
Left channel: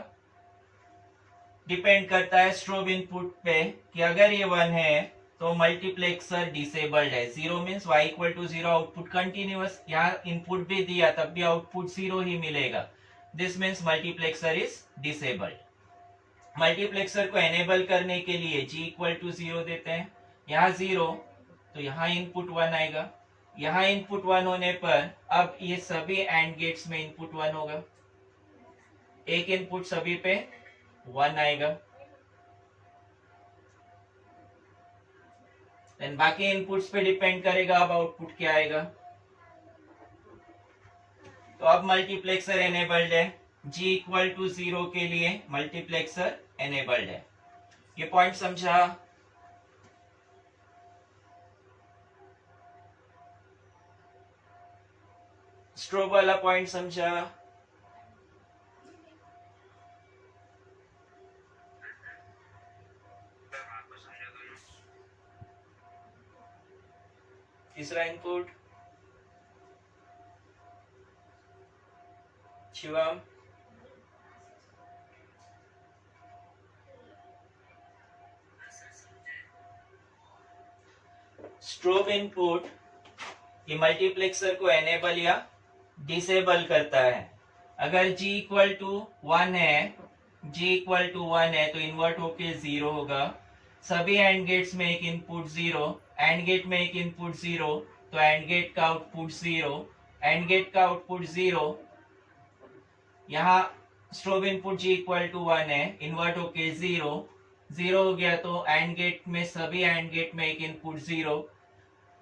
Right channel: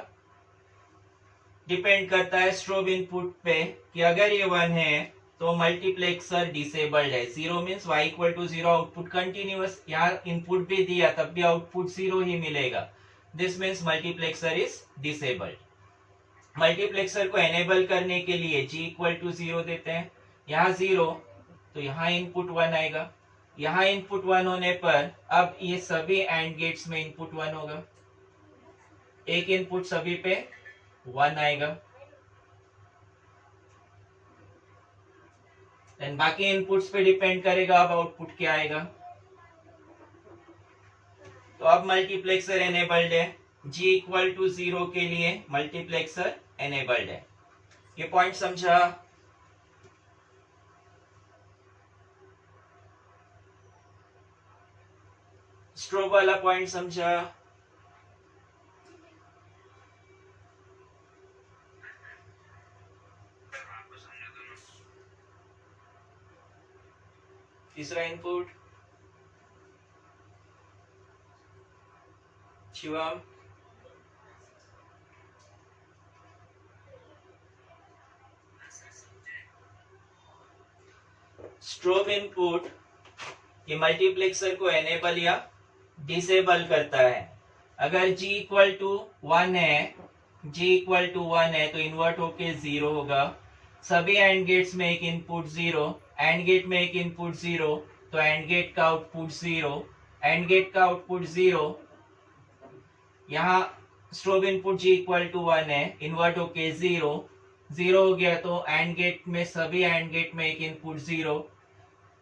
डिपेंड करता है स्ट्रोब इनपुट पे कि अगर ये 1 है तो मल्टीप्लेक्सर डिसेबल्ड है। 0 means y equal to 0, output continuous. यहाँ इनपुट भी दिया तब भी आउटपुट 0 ही मिलेगा। This means multiplexer is disabled. Multiplexer को एनेबल करने के लिए G इक्वल टू 0 देते हैं। यहाँ 0 तो यहाँ इनपुट 1 आएगा। यहाँ इनपुट 1 होने पर अब ये सभी एंड गेट्स में इनपुट 1 होगा। एक इनपुट सभी पे 1 आएगा। देन बाकी इनपुट्स पे डिपेंड करेगा अब आउटपुट क्या आएगा। तो अब मल्टीप्लेक्सर एनेबल्ड है। G इक्वल टू 0 के लिए मल्टीप्लेक्सर एनेबल्ड है। ये पॉइंट समझा? स्ट्रोब वाला पॉइंट समझा? तीसरा इनपुट शिवम। स्ट्रोब इनपुट ये मल्टीप्लेक्सर को एनेबल या डिसेबल करता है। अगर G इक्वल टू 1 है, G इक्वल टू 1 है तो इन्वर्ट होके 0 होगा। सभी एंड गेट्स में एक इनपुट 0, एंड गेट में एक इनपुट 0, तो एंड गेट का आउटपुट 0, एंड गेट का आउटपुट 0। यहाँ strobe input G equal to 1 है, इन्वर्ट होके 0, 0 हो गया तो एंड गेट में सभी एंड गेट में एक इनपुट 0।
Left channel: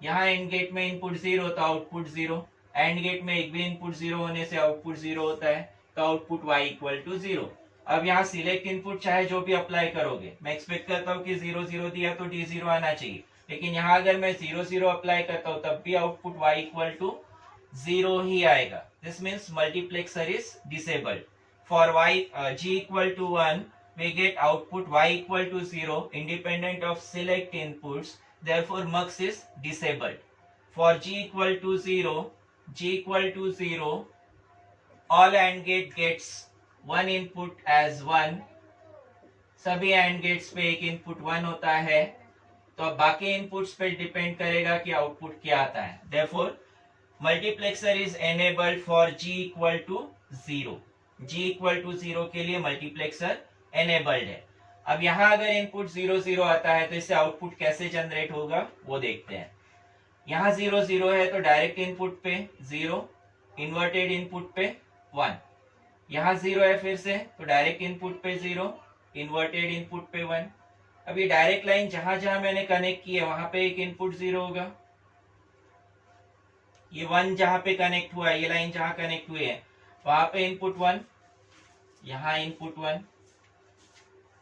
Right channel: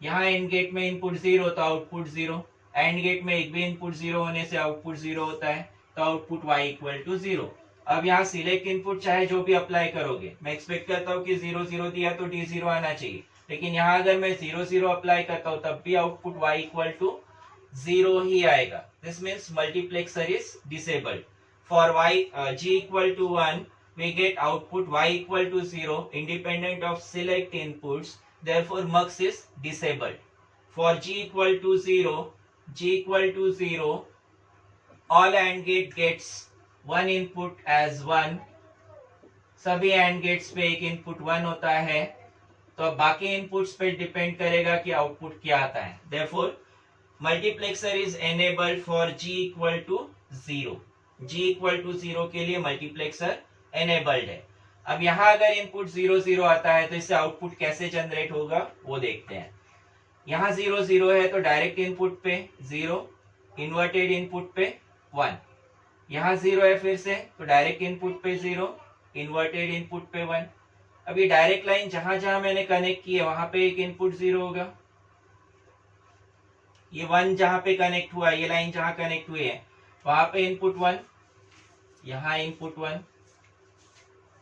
यहाँ एंड गेट में इनपुट 0 तो आउटपुट 0। एंड गेट में एक भी इनपुट 0 होने से आउटपुट 0 होता है, तो आउटपुट y इक्वल टू 0। अब यहाँ सिलेक्ट इनपुट चाहे जो भी अप्लाई करोगे, मैं एक्सपेक्ट करता हूँ कि 0 0 दिया तो D0 आना चाहिए, लेकिन यहाँ अगर मैं 0 0 अप्लाई करता हूँ तब भी आउटपुट y इक्वल टू 0 ही आएगा। This means multiplexer is disabled. For y g equal to 1 we get output y equal to 0 independent of select inputs, therefore mux is disabled. For g equal to 0, all AND gate gets one input as 1, सभी AND gates पे एक input 1 होता है, तो अब बाकी inputs पे depend करेगा कि आउटपुट क्या आता है। Therefore multiplexer is enabled for g equal to 0. g equal to 0 के लिए मल्टीप्लेक्सर एनेबल्ड है। अब यहाँ अगर इनपुट 0 0 आता है तो इससे आउटपुट कैसे जनरेट होगा वो देखते हैं। यहाँ 0 0 है तो डायरेक्ट इनपुट पे 0, इन्वर्टेड इनपुट पे 1। यहाँ 0 है फिर से तो डायरेक्ट इनपुट पे 0, इन्वर्टेड इनपुट पे 1। अब ये डायरेक्ट लाइन जहां जहां मैंने कनेक्ट की है वहां पे एक इनपुट 0 होगा। ये 1 जहां पे कनेक्ट हुआ है, ये लाइन जहां कनेक्ट हुई है वहां पे इनपुट 1, यहाँ इनपुट 1।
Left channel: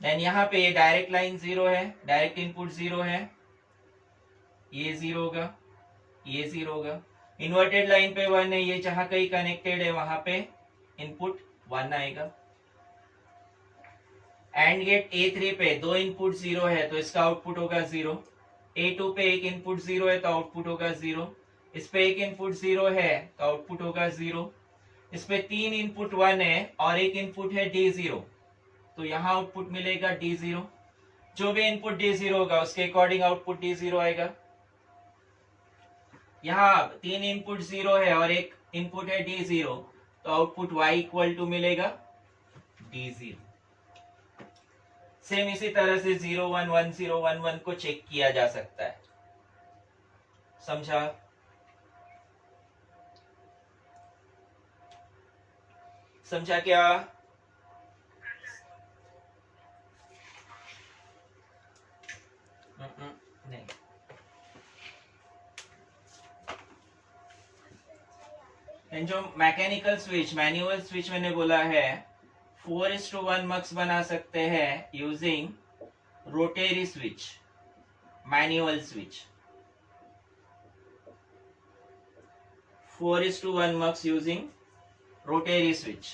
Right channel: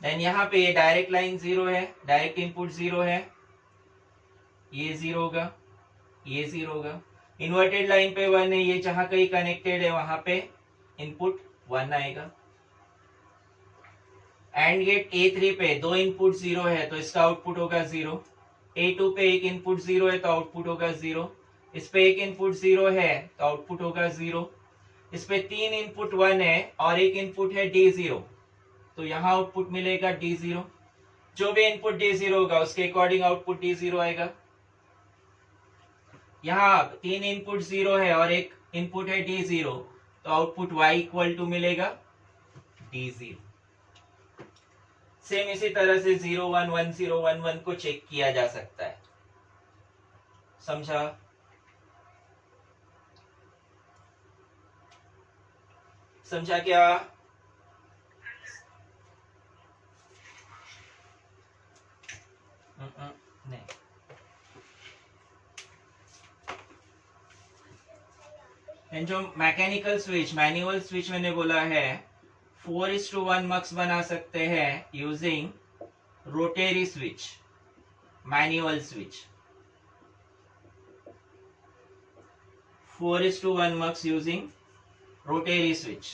देन यहाँ पे ये डायरेक्ट लाइन 0 है, डायरेक्ट इनपुट 0 है, ये 0 होगा, ये 0 होगा। इन्वर्टेड लाइन पे 1 है, ये जहां कहीं कनेक्टेड है वहां पे इनपुट 1 आएगा। एंड गेट A3 पे दो इनपुट 0 है तो इसका आउटपुट होगा 0। A2 पे एक इनपुट 0 है तो आउटपुट होगा 0। इस पे एक इनपुट 0 है तो आउटपुट होगा 0। इस पे 3 इनपुट 1 है और एक इनपुट है D0, तो यहाँ आउटपुट मिलेगा D0। जो भी इनपुट D0 होगा उसके अकॉर्डिंग आउटपुट D0 आएगा। यहाँ 3 इनपुट 0 है और एक इनपुट है D0, तो आउटपुट y इक्वल टू मिलेगा D0। सेम इसी तरह से 0 1 1 0 1 1 को चेक किया जा सकता है। समझा? समझा क्या? नहीं। जो मैकेनिकल स्विच, मैनुअल स्विच मैंने बोला है 4:1 मक्स बना सकते हैं using rotary switch, manual switch. 4:1 mux using rotary switch.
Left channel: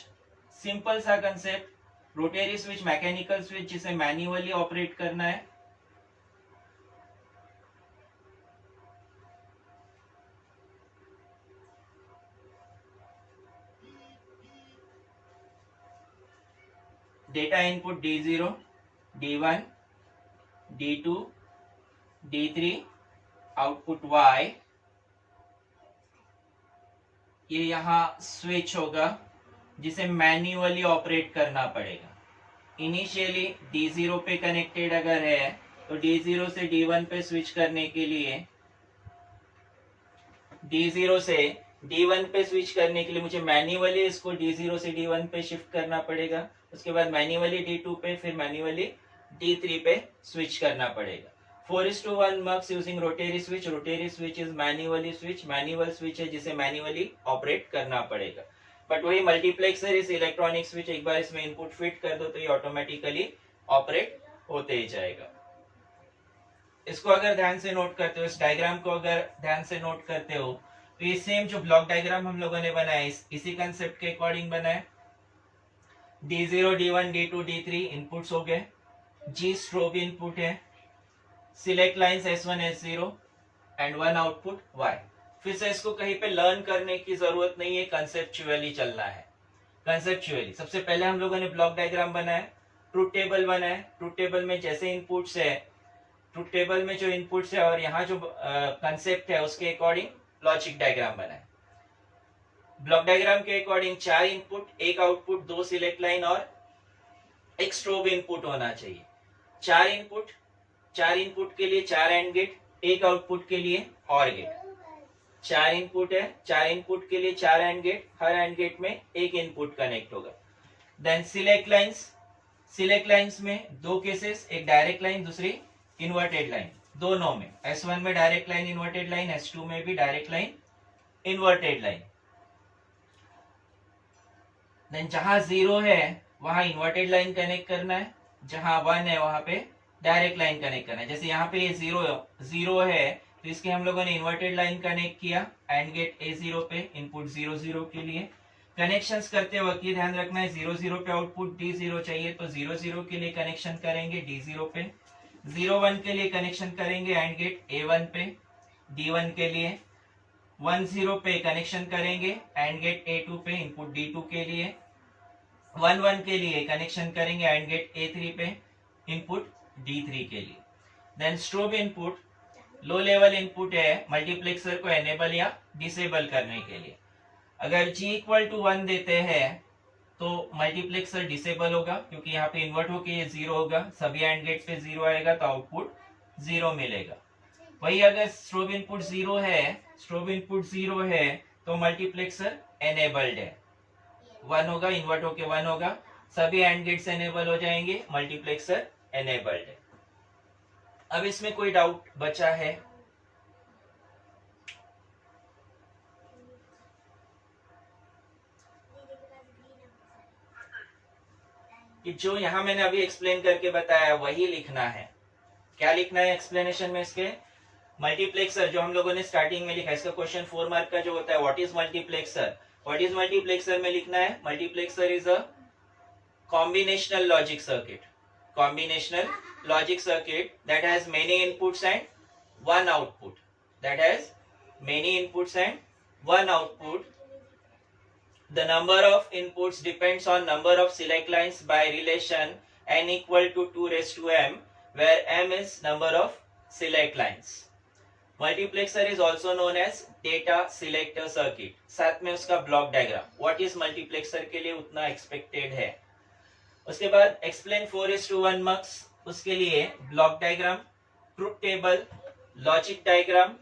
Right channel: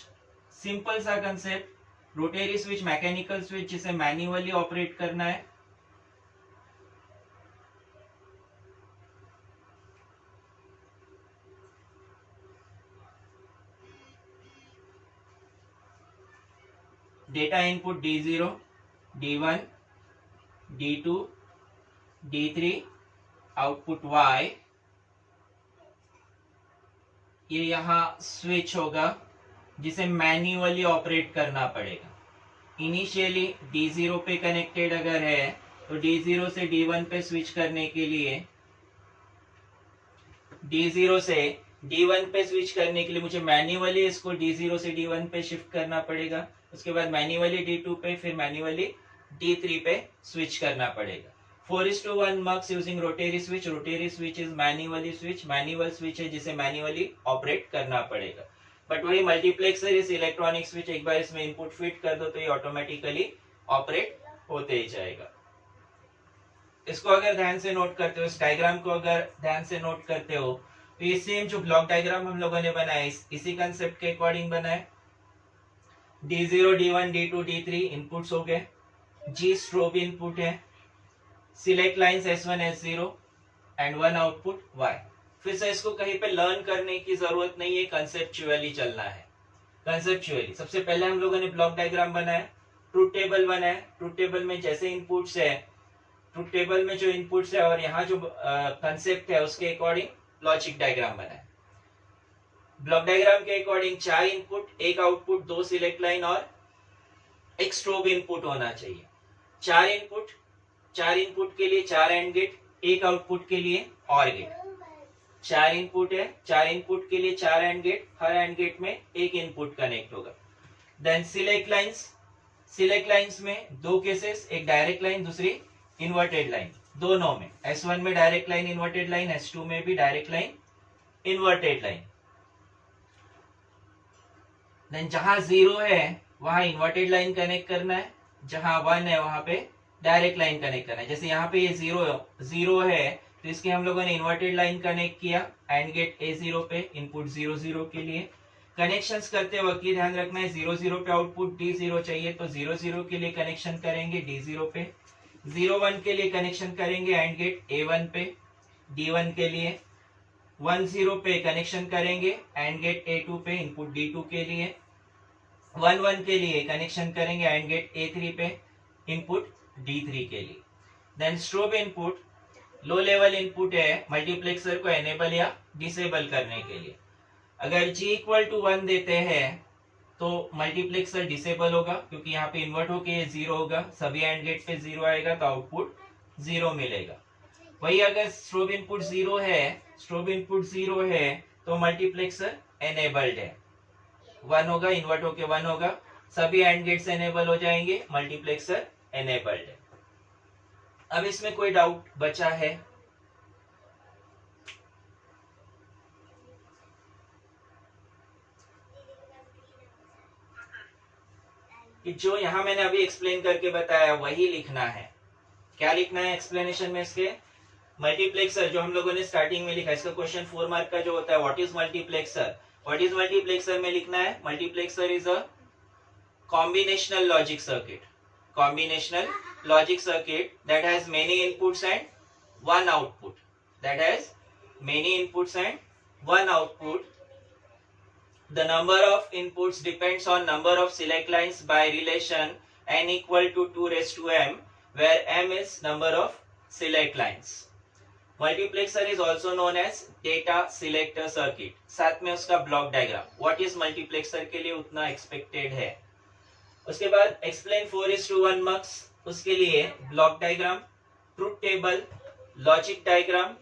Simple सा concept. Rotary switch mechanical switch जिसे मैन्युअली ऑपरेट करना है। Data input D0, D1, D2, D3, output Y। ये यहाँ स्विच होगा जिसे मैन्युअली ऑपरेट करना पड़ेगा। इनिशियली D0 पे कनेक्टेड अगर है तो D0 से D1 पे स्विच करने के लिए, D0 से D1 पे स्विच करने के लिए मुझे मैन्युअली इसको D0 से D1 पे शिफ्ट करना पड़ेगा। उसके बाद मैन्युअली D2 पे, फिर मैन्युअली D3 पे स्विच करना पड़ेगा। 4:1 mux using rotary switch. Rotary switch is manually switch. Manual switch है जिसे मैन्युअली ऑपरेट करना पड़ेगा। बट वही मल्टीप्लेक्सर इस इलेक्ट्रॉनिक स्विच, एक बार इसमें इनपुट फिट कर दो तो ये ऑटोमेटिकली ऑपरेट होते ही जाएगा। इसको अगर ध्यान से नोट करते हो, इस डायग्राम को अगर ध्यान से नोट करते हो तो ये सेम जो ब्लॉक डायग्राम हम लोगों ने बनाया इसी कंसेप्ट के अकॉर्डिंग बना है। D0, D1, D2, D3 inputs हो गए। G स्ट्रोब इनपुट है। Select lines S1, S0 and 1 output Y। फिर से इसको कहीं पे लर्न करने की जरूरत नहीं है, कंसेप्चुअली चलना है। कंसेप्चुअली सबसे पहले हम लोगों ने ब्लॉक डायग्राम बनाया, ट्रूथ टेबल बनाया। ट्रूथ टेबल में जैसे इनपुट्स है, ट्रूथ टेबल में जो इनपुट्स है और यहाँ जो कंसेप्ट है उसके अकॉर्डिंग लॉजिक डायग्राम बनाया। ब्लॉक डायग्राम के according 4 input, 1 output, 2 select line और 1 स्ट्रोब इनपुट होना चाहिए। 4 इनपुट के लिए 4 एंड गेट, 1 आउटपुट के लिए और गेट। 4 इनपुट है, 4 इनपुट के लिए 4 एंड गेट, हर एंड गेट में 1 इनपुट कनेक्ट होगा। देन सिलेक्ट लाइंस में 2 केसेस, एक डायरेक्ट लाइन, दूसरी इन्वर्टेड लाइन। दोनों में S1 में direct line inverted line, S2 में भी direct line inverted line. Then जहां 0 है वहां इन्वर्टेड लाइन कनेक्ट करना है, जहां 1 है वहां पे डायरेक्ट लाइन कनेक्ट करना है। जैसे यहाँ पे ये 0 है तो इसके हम लोगों ने इन्वर्टेड लाइन कनेक्ट किया एंड गेट A0 पे इनपुट 0 0 के लिए। कनेक्शंस करते वक्त ये ध्यान रखना है 0 0 पे आउटपुट D0 चाहिए तो 0 0 के लिए कनेक्शन करेंगे D0 पे, 0 1 के लिए कनेक्शन करेंगे एंड गेट A1 पे D1 के लिए, 1 0 पे कनेक्शन करेंगे एंड गेट A2 पे इनपुट D2 के लिए, 1 1 के लिए कनेक्शन करेंगे एंड गेट A3 पे इनपुट D3 के लिए। Then strobe input low level input है मल्टीप्लेक्सर को एनेबल या डिसेबल करने के लिए। अगर G इक्वल टू 1 देते हैं तो मल्टीप्लेक्सर डिसेबल होगा क्योंकि यहाँ पे इन्वर्ट होके ये 0 होगा, सभी एंड गेट पे 0 आएगा तो आउटपुट 0 मिलेगा। वही अगर स्ट्रोब इनपुट 0 है तो मल्टीप्लेक्सर एनेबल्ड है, 1 होगा, इन्वर्ट होके 1 होगा, सभी एंड गेट्स एनेबल हो जाएंगे, मल्टीप्लेक्सर एनेबल्ड है। अब इसमें कोई डाउट बचा है? कि जो यहां मैंने अभी एक्सप्लेन करके बताया वही लिखना है। क्या लिखना है एक्सप्लेनेशन में इसके? मल्टीप्लेक्सर जो हम लोगों ने स्टार्टिंग में लिखा, इसका क्वेश्चन 4 मार्क का जो होता है what is multiplexer, what is multiplexer में लिखना है multiplexer is a combinational logic circuit, combinational logic circuit that has many inputs and one output, that has many inputs and one output. The number of inputs depends on number of select lines by relation n equal to 2 raised to m, where m is number of select lines. Multiplexer is also known as data selector circuit. साथ में उसका block diagram what is multiplexer के लिए उतना expected है। उसके बाद explain 4:1 marks, उसके लिए block diagram, truth table, logic diagram,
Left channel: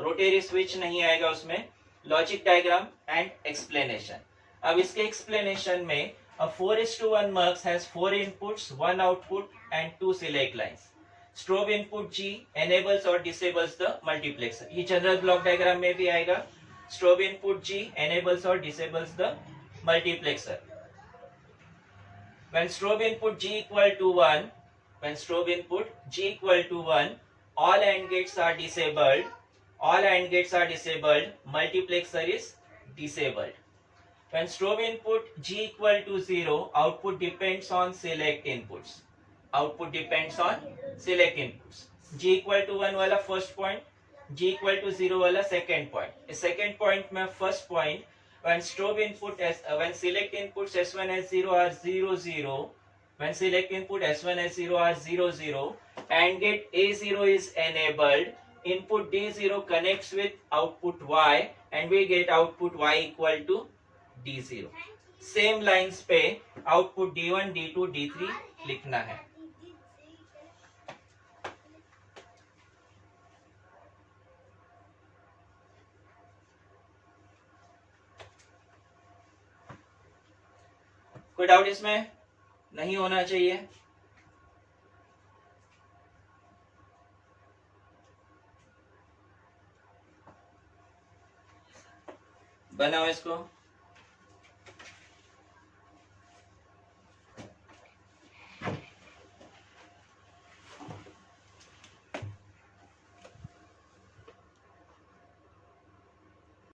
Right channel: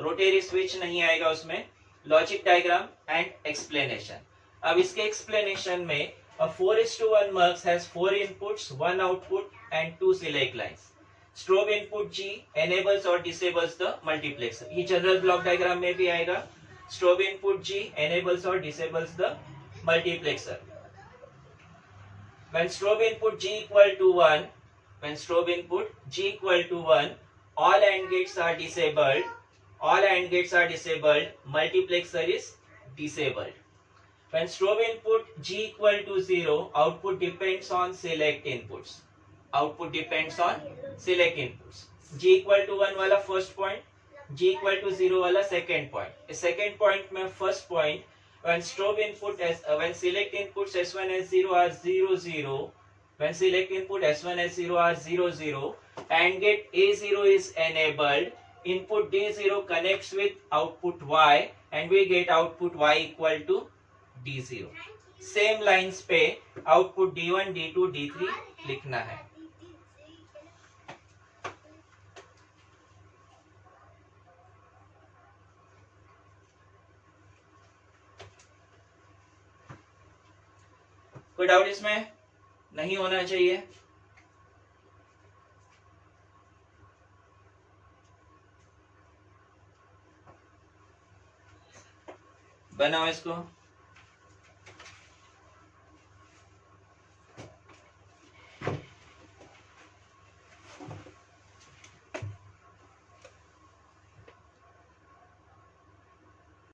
rotary switch नहीं आएगा उसमें, लॉजिक डायग्राम एंड एक्सप्लेनेशन। अब इसके एक्सप्लेनेशन में 4:1 marks has 4 inputs, 1 output and 2 select lines. Strobe input G enables or disables the multiplexer, ये जनरल ब्लॉक डायग्राम में भी आएगा। Strobe input G enables or disables the multiplexer. When strobe input G equal to 1, all AND gates are disabled, multiplexer is disabled. When strobe input G equal to 0, output depends on select inputs. G equal to 1 वाला first point, G equal to 0 वाला second point. इस second point में first point, when strobe input when select inputs S1 S0 are 0 0, and gate A0 is enabled, input D0 connects with output Y and we get output Y equal to D0. Same lines पे output D1 D2 D3 लिखना है। कोई doubt इसमें नहीं होना चाहिए। बनाओ इसको।